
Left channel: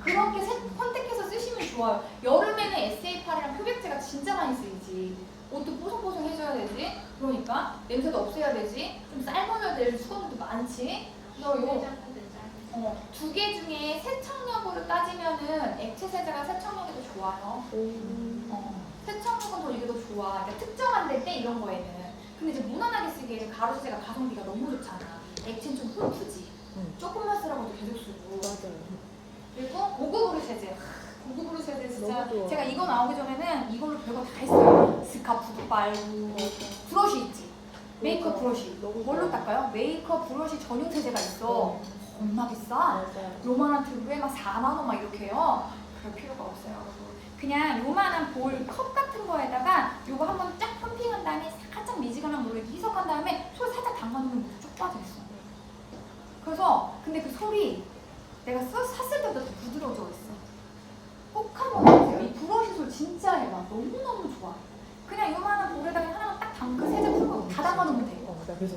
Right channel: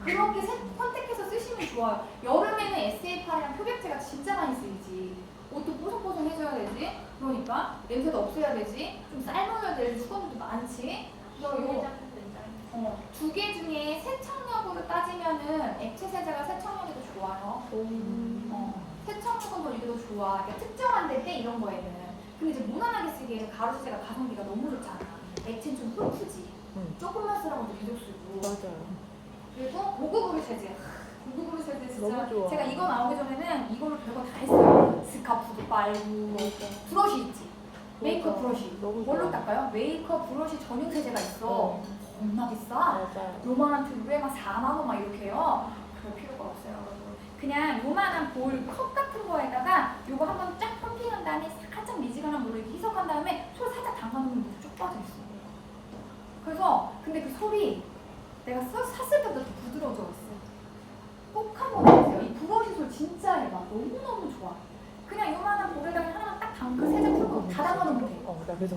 그렇게 선택해서 쓰시면 좋아요. 여름에는 SA8이랑 흡액제가 진짜 많이 쓰이지. 옷도 뽀송뽀송해져야 되지. 그러니까 냄새도 없애야 되지. 좀 삶아야 될 수건도 많지. 그래서 두 개 중에 세척력으로 따지면은 액체세제가 세척력이 더 좋아요. 세척력은 더 이게 더 좋아. 그러니까 특정한 데 때 이런 거에는. 근데 이제 무난하게 쓰기에는 가루세제가 가성비가 너무 좋잖아. 액체는 좀 훑프지. 조금만 쓰라고 계속 쓰고. 그리고 고급 의료세제. 고급 의료세제 진짜 제가 이거 나오기 전에는 이걸로 별거 다 했어요. 스카프도 빨고 브러쉬 있지. 메이크업 브러쉬. 뭘로 닦아요? 메이크업 브러쉬 전용 세제가 있어. 겁나 비싸. 요만한 튜브에 막 4만 원 막 이렇게 해요. 그럴 필요가 없어요. 그냥 요만한 볼 컵 같은 거에다가 요거 한번 쫙 펌핑한 다음에 살짝 미지근한 물을 희석한 다음에 손 살짝 담가놓으면 물이 쭉 빠져있어. 그래서 근데 그 솔이 내가 샀을 때보다 더 부드러워져 있어. 꼭 한번 해보세요. 이 브러쉬 솔 진짜 해봐. 너무너무 좋아. 그냥 요만한 볼에다가 하나만 딱 담그 세제 풀고 다 담가놓으면 돼.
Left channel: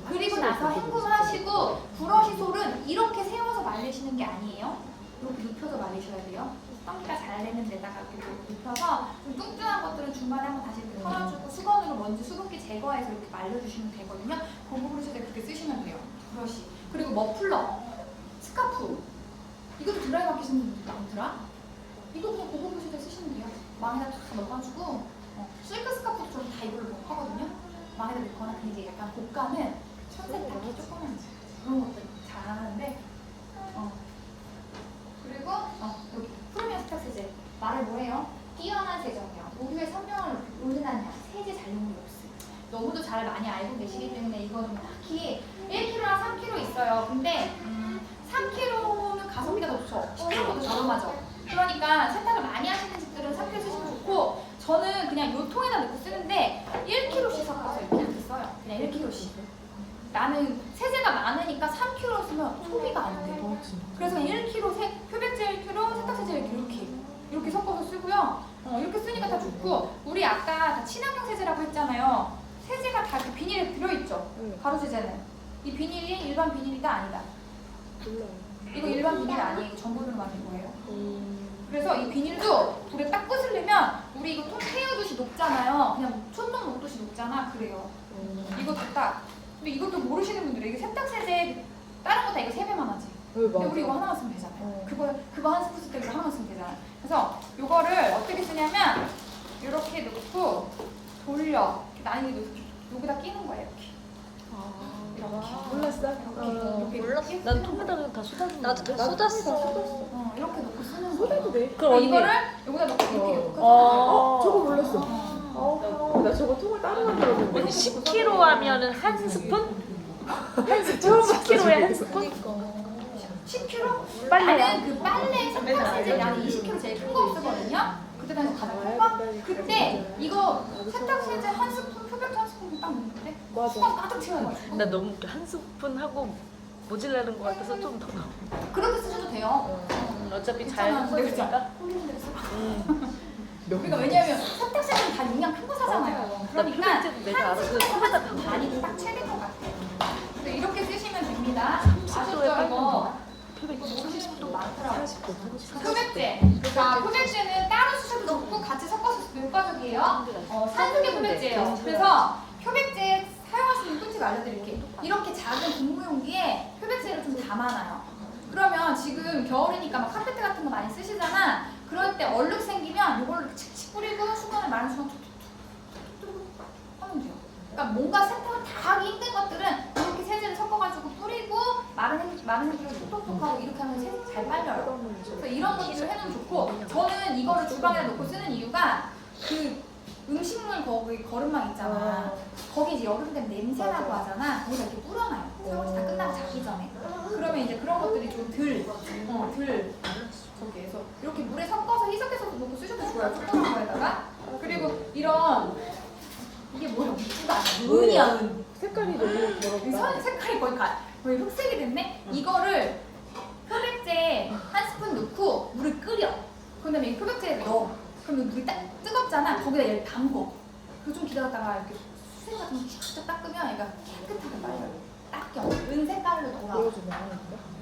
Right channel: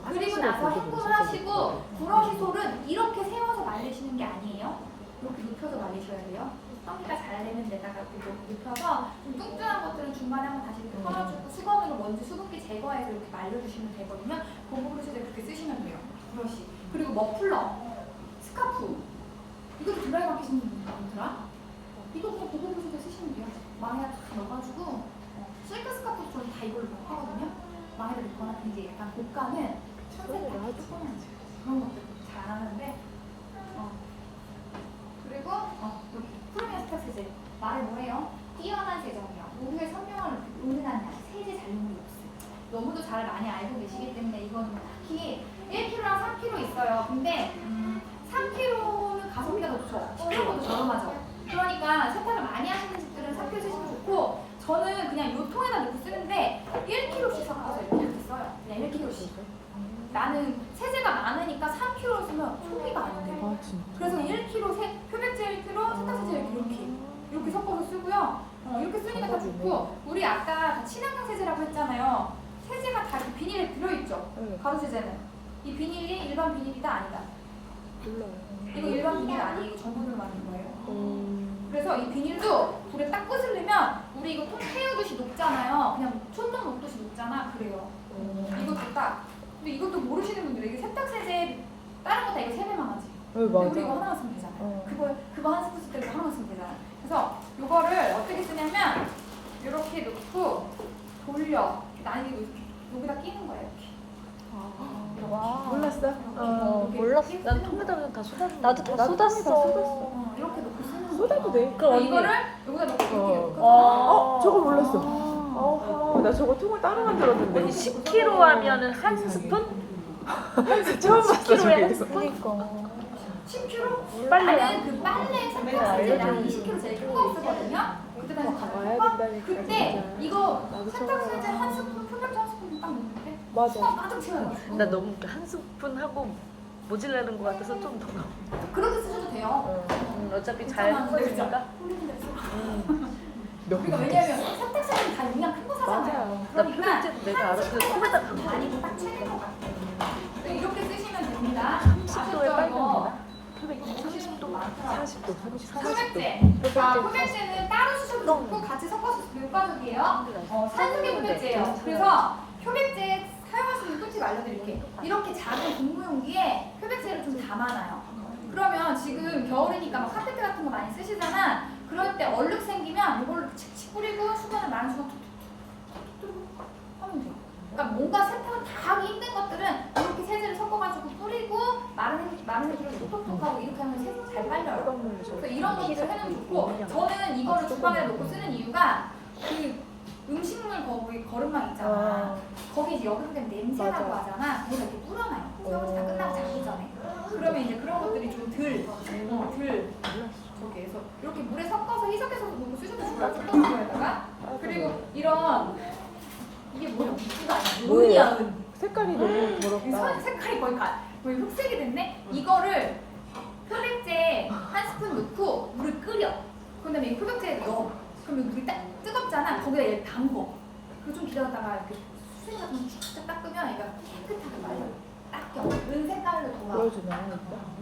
그리고 나서 헹굼하시고 브러쉬 솔은 이렇게 세워서 말리시는 게 아니에요. 이렇게 눕혀서 말리셔야 돼요. 썸니가 잘 내는 데다가 이렇게 눕혀서 좀 뚱뚱한 것들은 중간에 한번 다시 이렇게 털어주고 수건으로 먼지 수분기 제거해서 이렇게 말려주시면 되거든요. 고급 브러쉬를 그렇게 쓰시면 돼요. 브러쉬. 그리고 머플러, 스카프. 이것도 드라이 마켓인 분들아. 이거 그냥 고급 브러쉬도 쓰시면 돼요. 망에다 탁 넣어가지고 실크 스카프도 좀 다 이걸로 하거든요. 망에다 넣거나 이제 약간 볶아는 손세탁기 조그만 그런 것들 잘 안 하는데 그리고 여기 프리미엄 세탁 세제 말을 뭐해요? 뛰어난 세정력, 모두의 선명을 우러난다. 세제 잔류물이 없어요. 너무도 잘 많이 알고 계시기 때문에 이거는 뭐 딱히 1kg랑 3kg 있어요. 근데 3kg는 가성비가 더 좋죠. 10kg보다 저렴하죠. 그러니까 세탁을 많이 하시는 집들은 3kg 쓰시면 좋고 저는 그냥 이 통에다 넣고 쓰는데 1kg씩 섞어서 이렇게 써요. 그냥 1kg씩. 나는 세제가 많으니까 3kg 쓰면 소비가 안 돼. 그래서 1kg 표백제 1kg, 세탁세제 이렇게 섞어서 쓰고요. 이렇게 쓰니까 다 좋고 우리 아까 다 친환경 세제라고 했잖아요. 세제가 다 이렇게 비닐에 들어있죠. 가루 세제는 이 비닐이 일반 비닐이다 아니다. 이거 일반 비닐 아니에요. 이거 전부들 만든 거예요. 그래서 이 비닐도 불에 딱 끄슬리면 우리 이거 통 태우듯이 녹잖아요. 그냥 촌농 녹듯이 녹잖아. 그래요. 이것도 딱. 근데 이것도 모르시는 분들이 이게 세탁세제 다른 거 다 이거 3배만 하지. 근데 우리 이거 하나만 쓰면 되잖아요. 그거 한 스푼 쓸 때 이거 하나만 쓰면 되잖아요. 그래서 이거를 어떻게 쓰냐면 이렇게 넣고 돌려. 나는 여기다 끼는 거예요. 이렇게. 몰랐어. 난 통에다가 다 쏟았는데. 나도 다 쏟았어. 이렇게 넣고 쓰는 거예요. 그럼 언니. 이거를 여기다 넣고 이렇게 넣고. 저거 몰랐어. 나 저거 통을 따로 만들었는데. 언니 10kg 하면은 한 스푼? 한 스푼? 10kg에 한 스푼? 10kg? 빨래요. 나는 그 빨래 세탁세제량 20kg 제일 큰 거 쓰거든요. 그때 나는 가볼까? 그때 이거 세탁세제 한 스푼, 표백제 한 스푼 딱 넣는데 수건 가득 채워요. 나 너무 웃겨. 한 스푼 하고 모질라는 것 같아서 좀 더. 그렇게 쓰셔도 돼요. 어차피 잘 섞으니까. 그러니까 왜냐면 세탁세제는 다 용량 큰 거 사잖아요. 나 그러니까 표백제도 내가 알아서 세탁세제마다 반이 딱 채될 것 같아요. 이렇게 쓰시면 됩니다. 10kg에 아셨죠 이거? 표백제 30도. 표백제. 자, 표백제는 따로 쓰셔도 좋고 같이 섞어서 밀가루예요. 산수기 표백제예요. 그래서 표백제 사용할 수 있는 꿀팁 알려드릴게요. 이렇게 작은 분무용기에 표백제를 좀 담아놔요. 그러면 지금 겨울이니까 막 카페트 같은 거 많이 쓰시잖아. 그럴 때 얼룩 생기면 이걸로 칙칙 뿌리고 수건을 마른 수건 툭툭툭툭 하면 돼요. 그러니까 뭔가 세탁을 다 하기 힘든 것들은 이렇게 세제를 섞어가지고 뿌리고 마른 물을 톡톡톡하고 이렇게 하면 세제 잘 빨려요. 그래서 이런 것들을 해놓으면 좋고 저는 이거를 주방에 놓고 쓰는 이유가 그 음식물 거기 거름막 있잖아. 거기 이제 여름 되면 냄새나고 하잖아. 거기다 이렇게 뿌려놔요. 설거지 다 끝나고 자기 전에. 그러면 이제 그런 것들이 좀 저기에서 이렇게 물에 섞어서 희석해서 놓고 쓰셔도 좋아요. 뚜껑에다가. 그리고 이런 이게 뭐야? 이거 아니야? 은이야, 은. 색깔이 너무 선 색깔이 거의 흑색이 됐네? 이거를 표백제 한 스푼 넣고 물을 끓여. 그 다음에 이 표백제에 넣어. 그러면 물이 딱 뜨겁잖아. 거기다 얘를 담궈. 그리고 좀 기다렸다가 이렇게 수세 같은 거 쫙쫙 닦으면 얘가 깨끗하게 말려요. 닦여. 은 색깔로 돌아.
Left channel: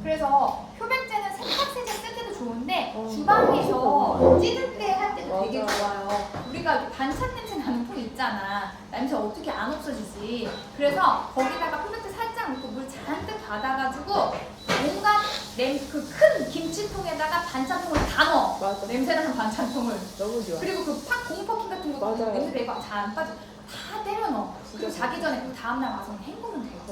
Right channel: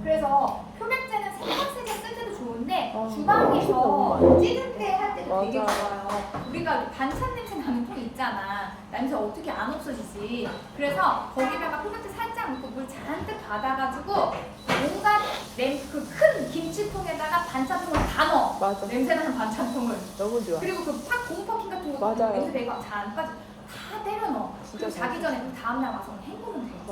그래서 표백제는 세탁세제 쓸 때도 좋은데 주방에서 찌를 때 할 때도 되게 좋아요. 우리가 이렇게 반찬 냄새 나는 통 있잖아. 냄새 어떻게 안 없어지지. 그래서 거기다가 표백제 살짝 넣고 물 잔뜩 받아가지고 뭔가 그 큰 김치통에다가 반찬통을 다 넣어. 맞아. 냄새나는 반찬통을. 너무 좋아. 그리고 그 곰팡이 같은 것도 맞아요. 냄새 내고 잘 안 빠져. 다 때려 넣어. 그리고 자기 전에 그 다음날 와서 헹구면 돼요.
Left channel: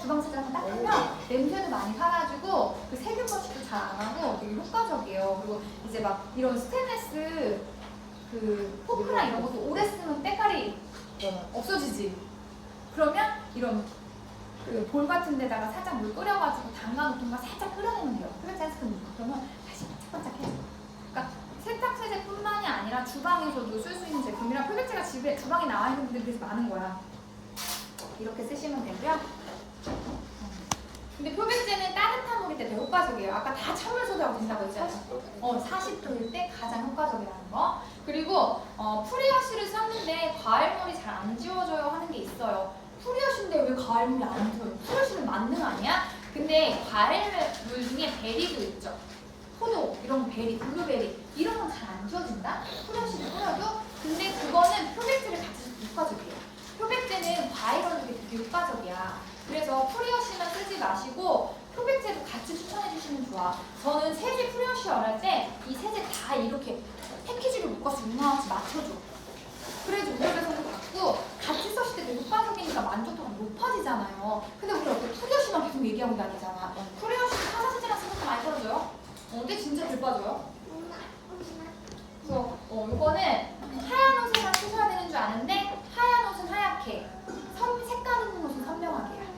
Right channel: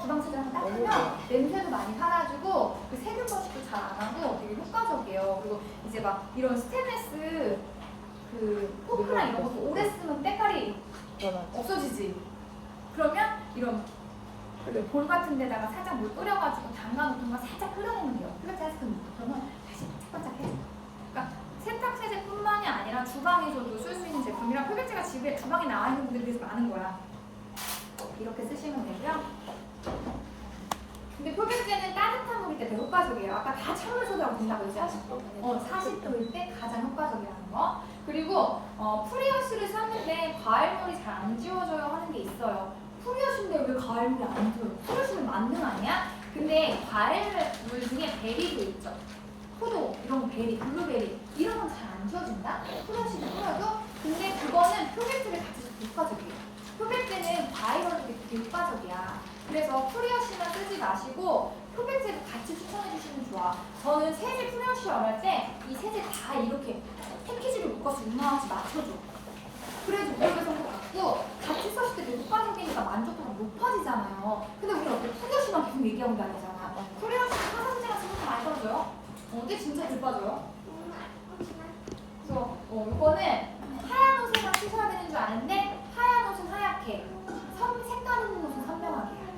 주방 세제를 닦으면 냄새도 많이 사라지고 그 세균 번식도 잘 안 하고 되게 효과적이에요. 그리고 이제 막 이런 스테인레스 그 포크나 이런 것도 오래 쓰면 때깔이 없어지지. 그러면 이런 그 볼 같은 데다가 살짝 물 끓여가지고 담가놓은 거 살짝 끓여내면 돼요. 끓여서 했으면 그러면 다시 반짝반짝해져. 그러니까 세탁세제뿐만이 아니라 주방에서도 쓸 수 있는 제품이랑 표백제가 집에 주방에 나와 있는 분들이 그래서 많은 거야. 이렇게 쓰시면 되고요. 근데 표백제는 따뜻한 물일 때 되게 효과적이에요. 아까 다 찬물 소다가 된다고 했잖아요. 40도일 때 가장 효과적이라는 거. 그리고 프리워시를 썼는데 과일물이 잘 안 지워져요 하는 게 있어요. 프리워시인데 왜 과일물이 안 지워요? 프리워시는 만능 아니야? 근데 과일물 중에 베리도 있죠. 포도, 이런 베리, 블루베리 이런 건 잘 안 지워진다? 프리워시를 뿌려도. 근데 그거는 표백제를 같이 써서 효과적이에요. 표백제는 과일 얼룩에 되게 효과적이야. 그래서 프리워시만 쓰지 마시고 흡입제도 같이 추천해 주시면 좋아. 저는 세제 프리워시 원할 때 이 세제 다 이렇게 패키지로 묶어서 6만원씩 맞춰줘. 그래서 무릎에서 갖고 같이 썼을 때 되게 효과 생기니까 만족도가 높아지잖아요. 근데 우리 어떻게 프리워시만 계속 얘기하고 다니잖아. 프리워시 화장실이랑 생각 많이 떨어져요? 어때? 진짜 들 빠져요? 그래서 이거는 하얀 옷에만 쓰셔야 되는 줄 아는데 하얀 옷은 하얗게, 색깔 있는 옷은 선명하게 해요.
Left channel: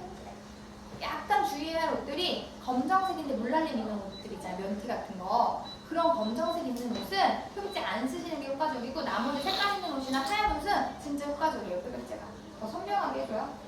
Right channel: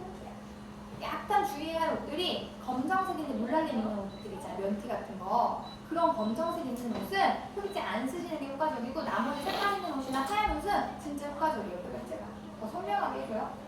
약간 주의해야 할 옷들이 검정색인데 물날림 있는 옷들 있잖아요. 면티 같은 거. 그런 검정색 있는 옷은 흡입제 안 쓰시는 게 효과적이고 나머지 색깔 있는 옷이나 하얀 옷은 진짜 효과적이에요. 흡입제가. 더 선명하게 해줘요.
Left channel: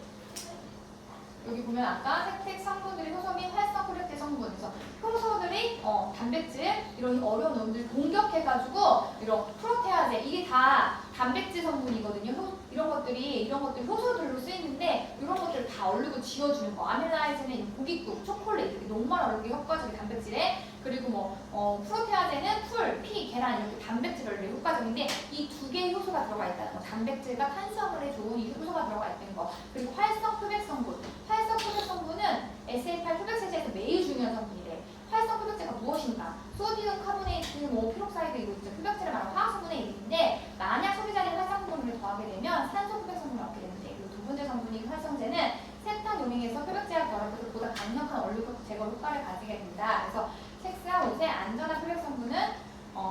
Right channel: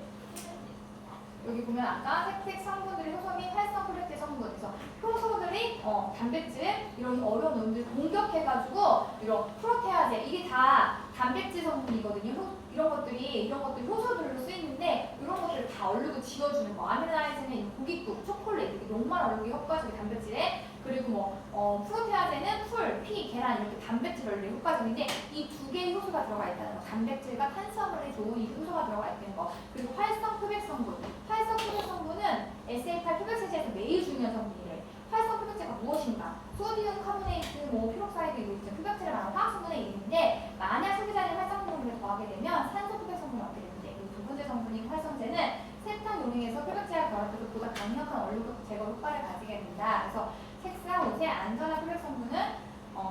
여기 보면 아까 색택 성분들이 효소 및 활성 프로테 성분에서 효소들이 단백질 이런 어려운 놈들 공격해가지고 이런 프로테아제 이게 다 단백질 성분이거든요. 이런 것들이 효소들로 쓰이는데 이런 것들을 다 얼르고 지워주는 거. 아밀라이즈는 고깃국, 초콜릿 이렇게 녹말 얼르기 효과적인 단백질에 그리고 프로테아제는 풀, 피, 계란 이렇게 단백질 얼르기 효과적인데 이 두 개의 효소가 들어가 있다는 거. 단백질과 탄수화물에 좋은 이 효소가 들어가 있다는 거. 그리고 활성 흡입 성분. 활성 흡입 성분은 SL8 흡입세제에서 매우 중요한 성분이래. 활성 흡입제가 무엇인가? 소디움 카보네이트, 피록사이드 이거 있죠. 흡입제를 말하는 화학성분의 이름인데 만약 소비자들이 활성 성분을 더하게 되면 산소 흡입 성분을 얻게 되는데 그리고 두 번째 성분인 활성제는 세탁 용액에서 흡입제와 결합해서 보다 강력한 얼룩 제거 효과를 가지게 된다. 그래서 색상 옷의 안전한 흡입 성분은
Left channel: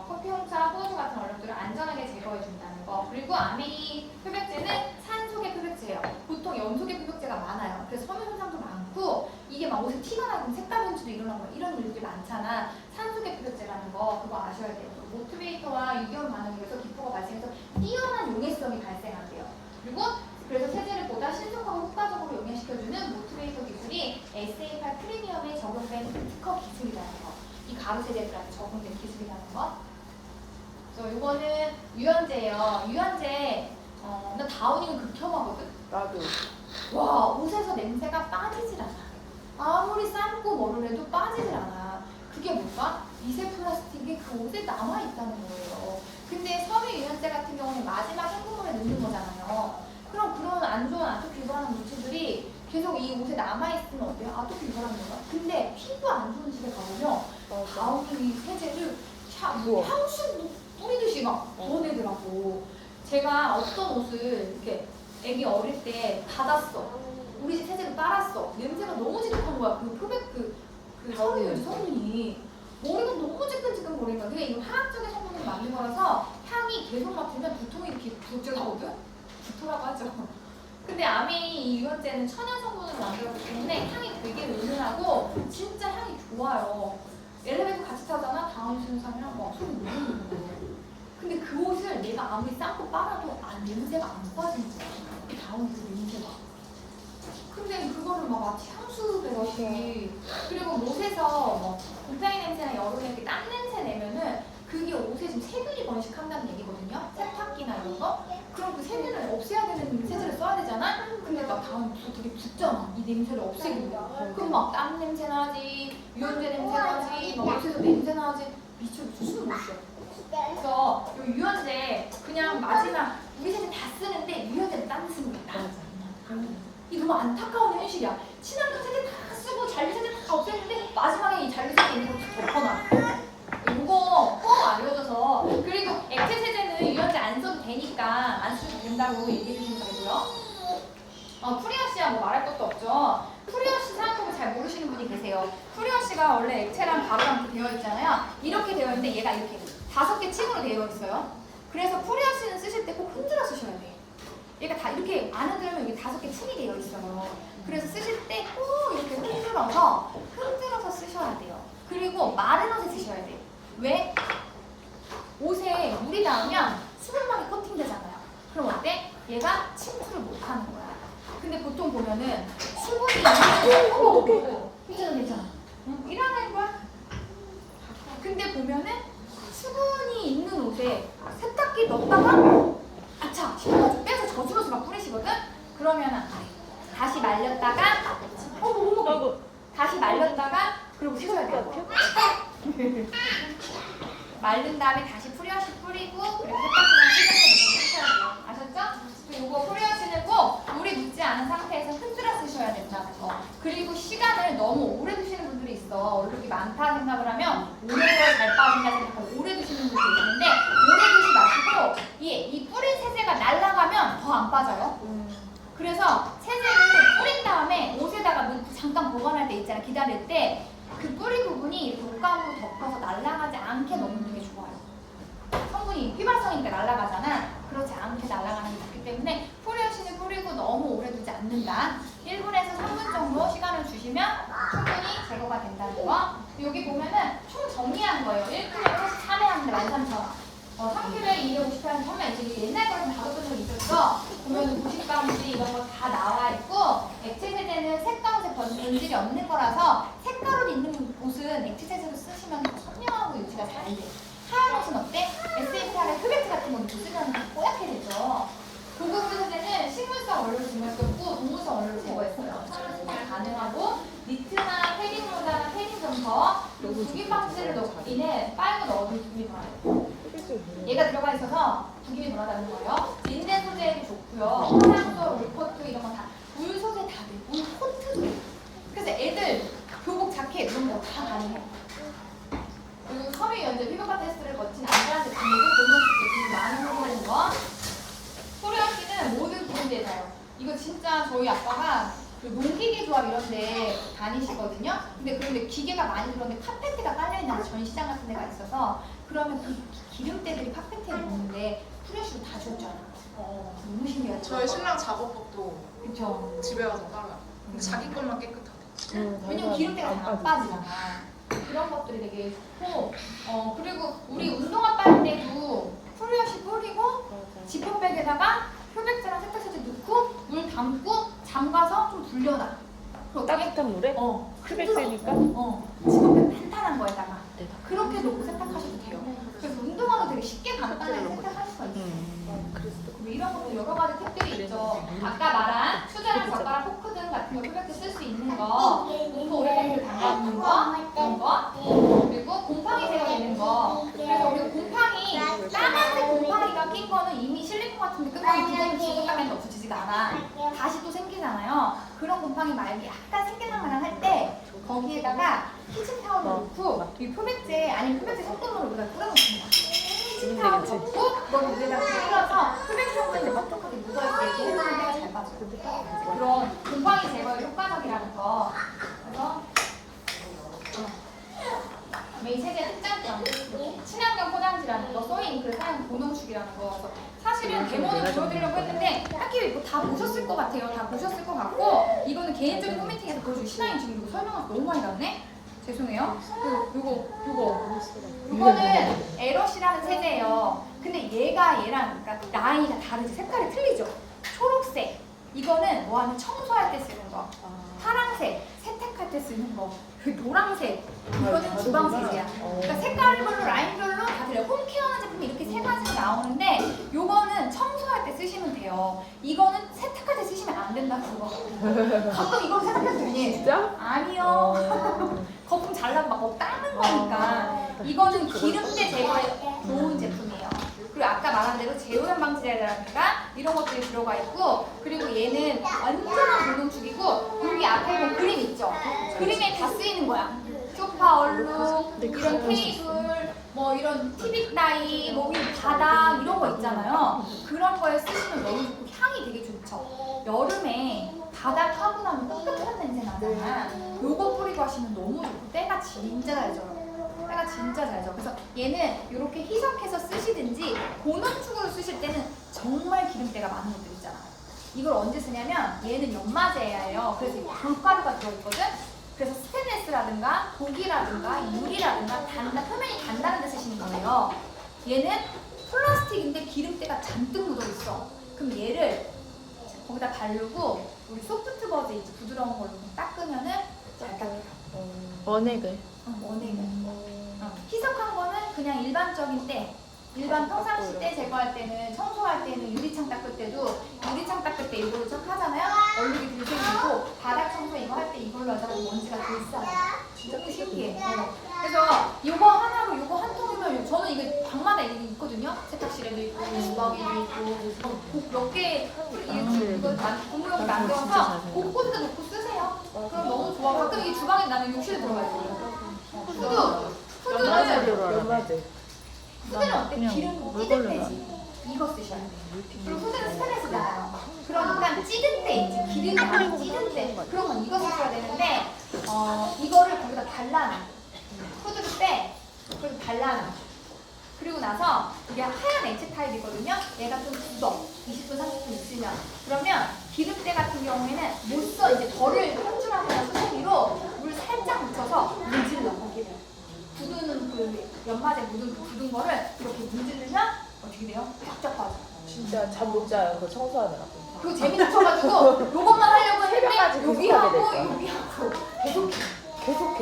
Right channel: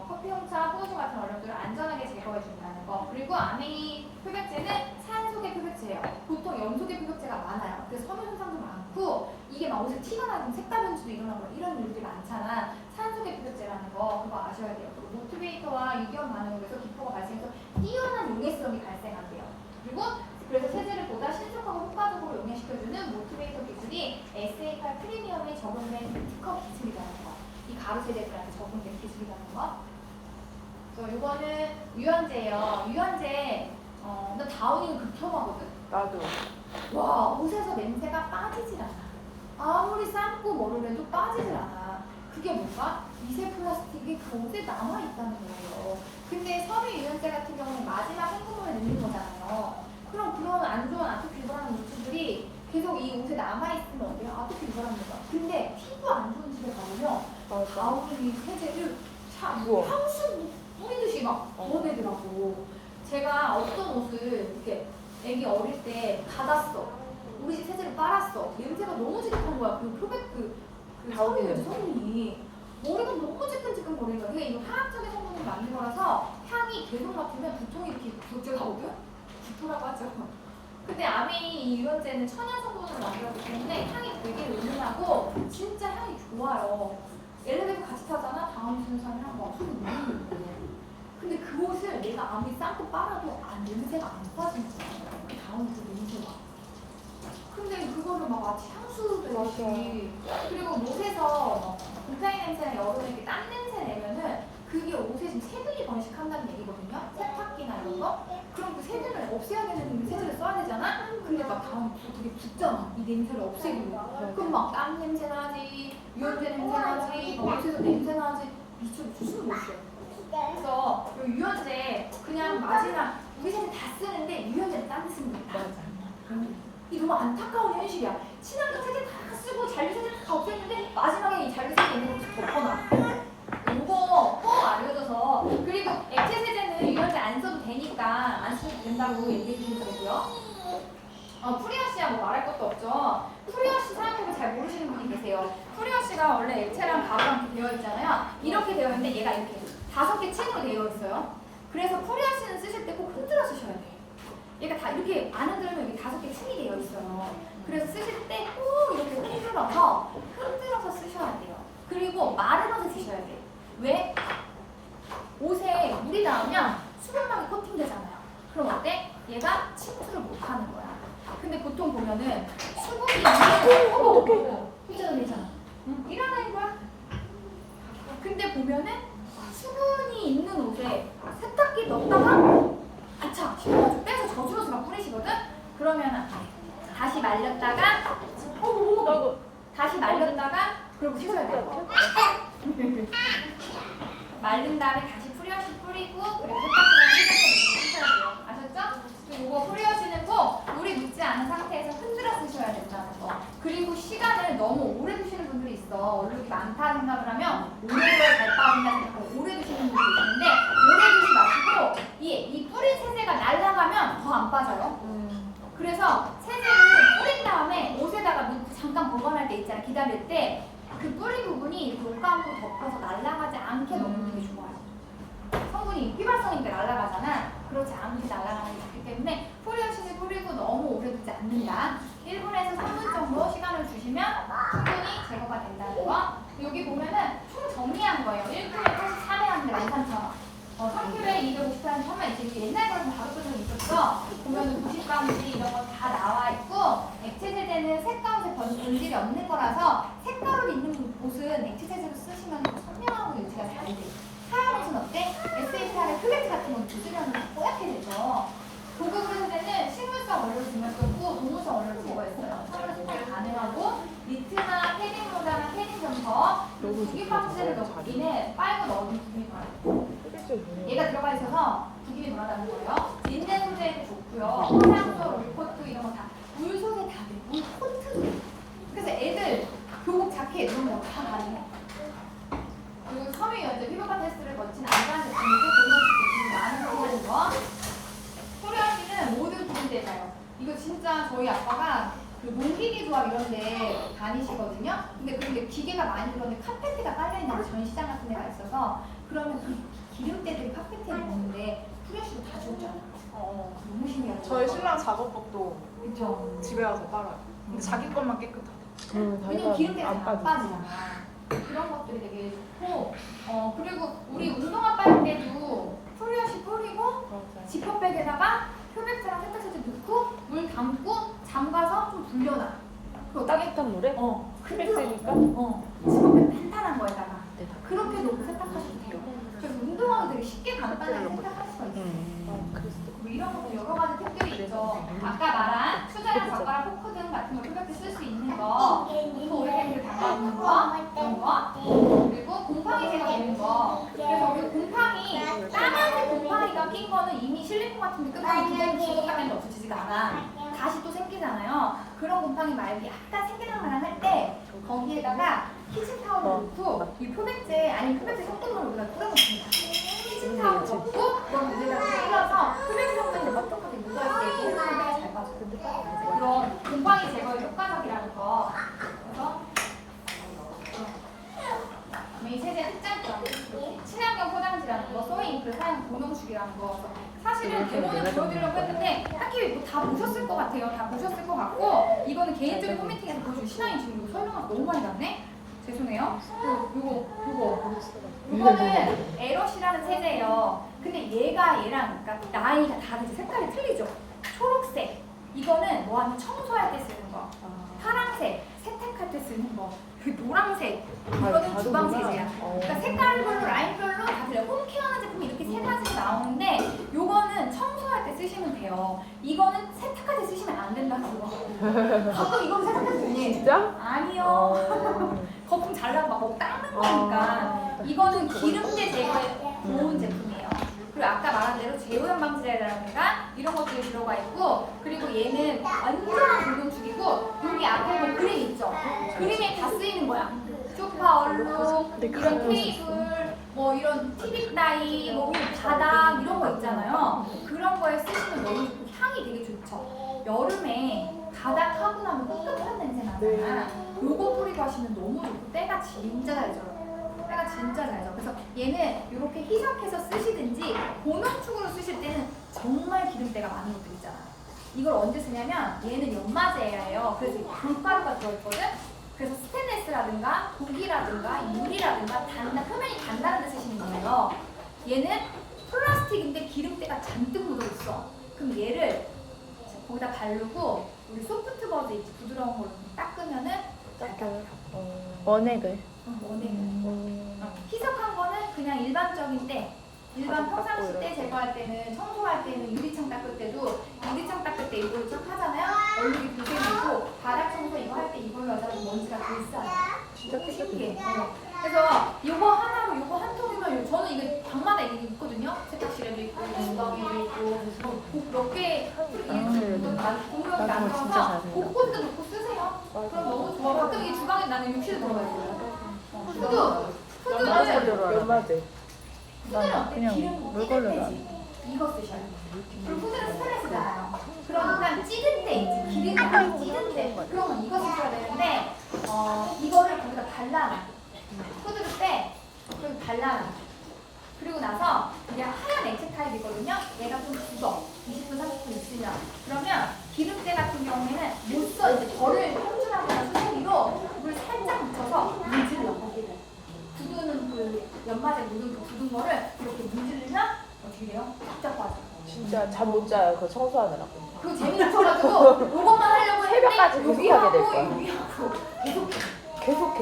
커피, 홍차, 포도주 같은 얼룩들을 안전하게 제거해준다는 거. 그리고 아메이 흡입제는 산소계 흡입제예요. 보통 염소계 흡입제가 많아요. 그래서 섬유 손상도 많고 이게 막 옷에 티가 나고 색깔 변주도 일어나고 이런 일들이 많잖아. 산소계 흡입제라는 거 그거 아셔야 돼요. 모티베이터와 유기원 반응에서 기포가 발생해서 뛰어난 용해성이 발생하대요. 그리고 그래서 세제를 보다 신속하고 효과적으로 용해시켜주는 모티베이터 기술이 SA8 프리미엄에 적용된 특허 기술이라는 거. 이 가루 세제들한테 적용된 기술이라는 거. 그래서 이거는 유연제예요. 유연제, 나 다운이는 극혐하거든. 나도. 와, 옷에서 냄새가 빠지질 않아. 아무리 삶고 뭐를 해도 빠지질 않아. 그게 뭔가? 미세 플라스틱이 그 옷에 남아있다는 거예요. 근데 섬유 유연제 같은 경우는 마지막 한꺼번에 넣는 거잖아요. 그럼 그런 안 좋은 아토피 유발하는 물질들이 계속 이 옷에 남아있으면 어때요? 아토피 유발하는 거죠. 근데 피부 안 좋은 집에 가면 다운이 세제를 향수 뿌리듯이 막 부어내더라고. 제가 어떤 옷을 이렇게 애기 어릴 때 받았어. 우리 집 세제로 빨았어. 냄새가 너무 지독한 거야. 그 표백 그 섬유 성분이. 머리가 너무 지끈지끈 거리니까. 그게 이거 화학적인 성분이 만든 거라서 향이 계속 맡으면 두통이 이렇게 구역질 나거든? 구토라고 하죠. 근데 아메이 이 유연제는 천연 성분으로 만들었기 때문에 향이 되게 은은하고 진짜 향이 좋아요. 엘리베이터 같이 타잖아? 다음 쓰는 사람이랑 막 소리 무는 거예요. 근데 그 옷을 내가 아무리 삶고 빨아도 냄새가 안 빠진지. 다음 그 냄새가. 근데 그거를 막 마치 향수 배듯이 그리고 옷에서 곰팡이 냄새나 여름에 이렇게 땀 냄새 내면은 그게 옷에 지금 세균이 번식한다는 얘기거든요. 세탁기나 이런 거. 그럼 그 세균을 없애야 되는 세제를 써야 되잖아? 근데 막 다음 되게 붓잖아. 이 냄새를 없애기 위해. 그럼 막 땀 냄새 나지, 유연제 냄새 나지, 막 옷에서 냄새 나지. 미쳐서 숨 못 쉬어. 그래서 이 유연제 그냥 마지막 우리 세제 다 쓰는데 유연제를 땀 쓰는 게 나아지. 이 너무 안타까운 현실이야. 친환경 세제 다 쓰고 잔류 세제 다 없앴는데 마지막에 이 잔류 세제 있는 거 덮어놔. 이거 꼭 알려줘서. 그리고 액체 세제는 유연제 안 써도 되니까 안 써도 된다고 얘기해 주시면 되고요. 프리워시야 뭐 말할 것도 없죠. 프리워시 사용법을 잘 모르시는 분이 계세요. 프리워시가 원래 액체랑 가루랑 이렇게 되어 있잖아요. 이렇게 되어 있는데 얘가 이렇게 5개 층으로 되어 있어요. 그래서 프리워시는 쓰실 때 꼭 흔들어 쓰셔야 돼요. 얘가 다 이렇게 안 흔들면 여기 5개 층이 되어 있어요. 그래서 쓰실 때 꼭 이렇게 흔들어서 쓰셔야 돼요. 그리고 마른 옷에 쓰셔야 돼요. 왜? 옷에 물이 닿으면 수분막이 코팅되잖아요. 그럼 어때? 얘가 침투를 못하는 거야. 근데 보통 보면은 수분이 괜찮아. 응? 일어나는 거야. 근데 보면은 수분이 있는 옷에 세탁기 넣다가 아차! 좀 빼서 젖은 옷을 막 뿌리시거든? 그러면 안 돼. 다시 말렸다가 다시 말렸다가 그리고 씻어야 돼요. 마른 다음에 다시 프리워시 뿌리고 그리고 세탁기랑 씻어야 돼요. 아셨죠? 이거 뿌려지는 거 물이 묻지 않은 상태에서 흔들어 쓰셔야 된다는 거. 그리고 시간을 너무 오래 두시는 분들이 있어. 얼룩이 많다 생각을 하면 오래도록 잘 빠진다 생각하고 오래 두시는 분들이 있는데 오래 두지 마시고 이 뿌린 세제가 날아가면 더 안 빠져요. 그래서 세제를 뿌린 다음에 옷에다가 잠깐 보관할 때 있잖아. 기다릴 때 그 뿌린 부분이 이렇게 옷감으로 덮어서 날아가지 않게 넣으면 되게 좋아요. 성분이 휘발성이니까 날아가잖아. 그렇지 않게 날아가는 게 좋기 때문에 포리어신을 뿌리고 너무 오래 두지 않는다. 1분에서 3분 정도 시간을 주시면 충분히 제거가 된다는 거. 여기 보면은 총 정리한 거예요. 1kg에 43에 하는데 13,000원. 3kg에 250g 처음에 이제 옛날 거는 다뤘던 적이 있었어. 보면 90g지 이런 거 다 나와 있고 액체 세제는 색감색 변질이 없는 거라서 색깔옷 있는 옷은 액체 세제로 쓰시면 선명하고 유지가 잘 돼. 하얀 옷은 어때? SNP하고 흡액제 같은 건 부스러운 게 뽀얗게 되죠. 고급 세제는 식물성 원료를 증명했고 동물성 원료를 제거했어요. 촬영이 가능하고 니트나 패딩 모자나 패딩 점퍼 그리고 두기 방지제를 넣기는 빨고 넣어도 두기 좋아요. 얘가 들어가 있어서 두김이 돌아다니는 거예요. 인젠 소재도 좋고요. 화장솜, 물코트 이런 거 다 물 소재 다 돼. 물 코트도 돼. 그래서 애들 교복 자켓 이런 거 다 가능해. 그리고 섬유 연제 피부과 테스트를 거친 안전한 제품이고 공동 제품이 많은 성분인 거. 포리어신은 모든 브랜드에 가요. 이거 진짜 저희 아빠가 그 농기계 조합 이런 데 다니시거든요. 근데 기계가 많이 들어오는데 카페트가 깔려있는 전시장 같은 데가 있어서 그러면 그 기름때들이 카페트에 놓는데 프레쉬로 다 지웠잖아. 너무 신기하죠. 저희 신랑 작업복도 그쵸. 집에 와서 빨아요. 근데 자기 것만 깨끗하대. 왜냐면 기름때가 잘 안 빠지잖아. 그런 것들이 되게 좋고 그리고 우리 운동화 빨 때도 프레쉬 뿌리고 지퍼백에다가 표백제랑 세탁세제 넣고 물 담고 잠가서 좀 불려놔. 따뜻한 물에? 흡액되니까? 지퍼백 탄탄한 거에다가 네. 그렇게 놓고 세탁하셔도 돼요. 그래서 운동화도 되게 쉽게 간단하게 세탁할 수가 있어요. 그리고 이런 것도 여러 가지 팁들이 있죠. 아까 말한 수저랑 젓가락, 포크 등 같은 거 흡액제 쓸 수 있는 거, 공구 오일팩을 담가놓는 거, 이런 거, 그리고 곰팡이 제거되는 거. 그래서 우리 곰팡이 까만색 곰팡이가 낀 거는 이미 실리콘 같은 게 끝나고 그대로 죽어가면 없어지지가 않아. 다시 또 생기잖아요. 그런 곰팡이 말고 약간 생겨나면 할 때 거기에다가 키친타올을 넣고 이 표백제 아니면 표백제 섞은 물을 뿌려놓습니다. 키친타올 넣고 그걸 위에다 뿌려서 표백제 섞은 데 뻑뻑하게 묻어있게 해주면 잘 빠져요. 그런 곰팡이 제거에 효과적이라는 거. 그래서 이 세제 흑장기라는 거, 친환경 포장지라는 거, 소이잉크 사용 고농축이라는 거. 그래서 사실은 데모는 보여드리려고 했는데 딱히 뭐 다 보셨을 것 같아요. 다 보셨을 것 같고 이거는 개인적인 팬미팅에서 보여준 신화인 지금 이거 설명하고 너무 많이 갔네? 죄송해요. 이거는 에럿이라는 세제예요. 근데 얘가 얘랑 그러니까 라인이 다르지 색깔이 틀리죠. 초록색 이거는 뭐하면 청소할 때 쓰는 거. 파란색 세탁할 때 쓰는 거. 그 노란색 이거는 주방 세제야. 그러니까 색깔별로 라인별로 다 틀려. 홈케어하는 제품이 이렇게 세 가지 나오는데 요거는 청소할 때 쓰시면 돼요. 이거는 세탁할 때 쓰시면 안 된다 그거. 가끔 이걸로 세탁해도 되니? 진짜? 아니요. 거품 잘 나고 막 닦는 거니까. 이거는 기름때 제거에 좋은 제품이에요. 그리고 아까 말한 대로 제오염 방지제라든가 이런 것들이 들어가 있고 그리고 얘는 완전한 불농축이고 여기 앞에 뭐 그림 있죠? 그림에 다 쓰이는 거야. 소파 얼룩, 이런 테이블, 뭐 이런 TV 따위, 뭐 바닥 이런 거 있잖아요. 그런 거에 쓰시면 너무 좋고 향이 되게 좋죠. 여름에 바닥 하고 나면 꿉꿉한 냄새 나잖아. 요거 뿌리고 하시면 너무 좋고 때가 진짜 잘 져요. 때가 진짜 잘 져. 그래서 얘는 이렇게 희석해서 쓰시든지 고농축으로 쓰실 때는 정말 기름때가 많은 것들 있잖아요. 이걸 언제 쓰냐면 얘는 연마제예요. 그래서 돌가루가 들어있거든. 그래서 스테인레스라든가 고기라든가 유리라든가 표면이 단단한 데 쓰시는 거예요. 얘는 플라스틱인데 기름때가 잔뜩 묻어있어. 그럼 얘를 거기다 바르고 우리 소프트 버즈 있지 부드러운 걸로 닦으면은 잘 닦니다. 원액을? 원액을. 희석한 거는 그냥 일반적인데 일반 평상시 때 제거할 때는 청소할 때는 유리창 닦을 때도 유리창 닦을 때 이걸로 쫙 하잖아요. 얼룩이 들생기고 바닥 청소 이거 할 때 이걸로 하자고 먼지가 들싸요. 이렇게 신기해. 그래서 이거 하나로 이거 한 통이면 저는 이게 방마다 이게 있거든요. 세탁실에도 있고 주방에도 있고 몇 개 공룡 만들어서 곳곳에 놓고 쓰세요. 그럼 너무 좋아. 가끔 이 주방에 나면 욕실 들어가요. 푸드는 어때? 기름 찌든 때지. 이거 쓰셔야 돼. 그리고 푸드는 스트레스잖아요. 그러니까 찌든 때 있지. 기름이 많이 찌든 때. 그러면 이거 쓰셔야 되는데 이거를 거기다 발라놔. 푸드를 빼. 그리고 발라놔. 그리고 나서 이게 하얀 액체 타입이거든요. 얘가 좀 굳어. 20분, 30분 있으면. 그러면 기름때 같은 경우에는 못 써. 이제 벌을 형준하거나 수세미로 물 살짝 묻혀서 문질러. 굳은 그 연마제 묻은 그 굳은 거를 이렇게 문지르면 어떻게 돼요? 쫙쫙 빠져. 진짜 잠 못 자요. 그거 청소하느라. 그리고 재미있어가지고 요것만 하려고 했는데 여기하고 계속해.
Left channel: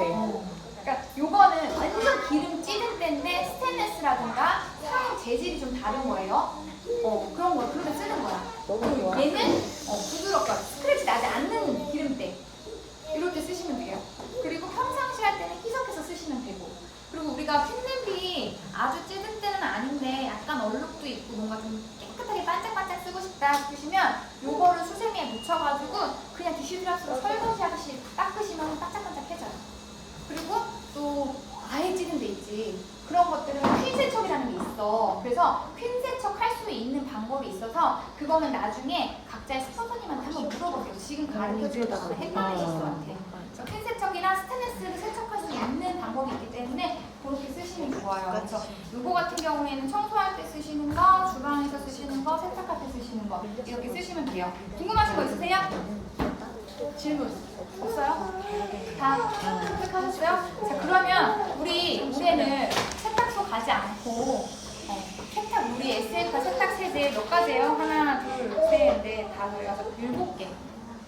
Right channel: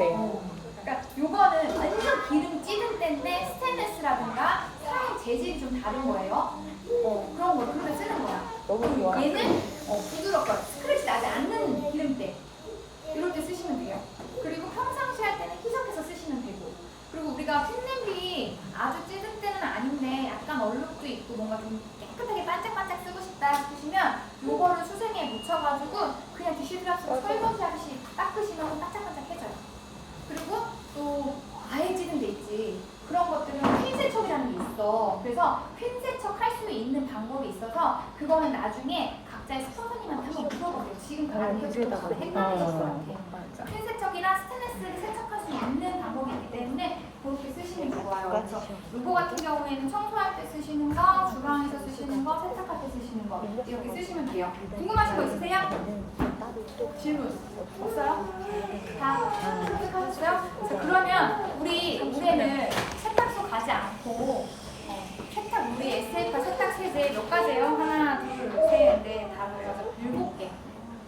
그러니까 요거는 완전 기름 찌든 때인데 스테인레스라든가 사용 재질이 좀 다른 거예요. 그런 거 그러면 쓰는 거야. 얘는 부드럽고 스크래치 나지 않는 기름때 이럴 때 쓰시면 돼요. 그리고 평상시 할 때는 희석해서 쓰시면 되고. 그리고 우리가 핀립이 아주 찌든 때는 아닌데 약간 얼룩도 있고 뭔가 좀 깨끗하게 반짝반짝 쓰고 싶다 싶으시면 요거를 수세미에 묻혀가지고 그냥 디시드랍스로 설거지 하듯이 닦으시면 반짝반짝해져요. 그리고 또 아예 찌든 데 있지. 그런 것들은 핀 세척이라는 게 있어. 그래서 핀 세척 할 수 있는 방법이 있어서 그거는 나중에 각자의 스pon서님한테 한번 물어보세요. 지금 가르쳐주다가 헷갈리실 것 같아요. 핀 세척이나 스테인레스를 세척할 수 있는 방법이 있기 때문에 그렇게 쓰시면 좋아요. 그래서 요거 같은 경우에는 청소할 때 쓰시는 거, 주방에서 쓰시는 거, 세탁할 때 쓰시는 거 이렇게 쓰시면 돼요. 궁금하신 거 있으세요? 질문 없어요? 다 선택하셨어요? 자 그러면 올해는 세탁소 가지 않고 세탁 우리 SF가 세탁 세제 몇 가지예요? 하나, 둘, 셋, 넷, 다섯, 여섯, 7개.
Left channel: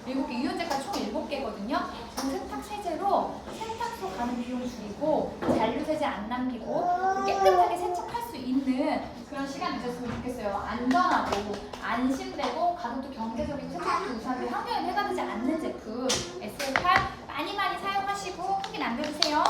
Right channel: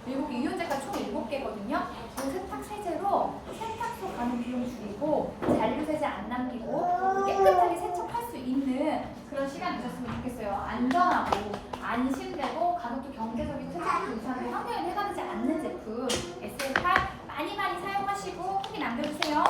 7개, 유연제가 총 7개거든요. 그 세탁 세제로 세탁소 가는 비용 줄이고 잔류 세제 안 남기고 깨끗하게 세척할 수 있는 그런 시간이 있었으면 좋겠어요. 안전하고 안심되고 가격도 경제적이고 세척도 우선하고 환경에 해가 되지 않는 제품 SF가 많이 사용하시고 후기 남겨주세요.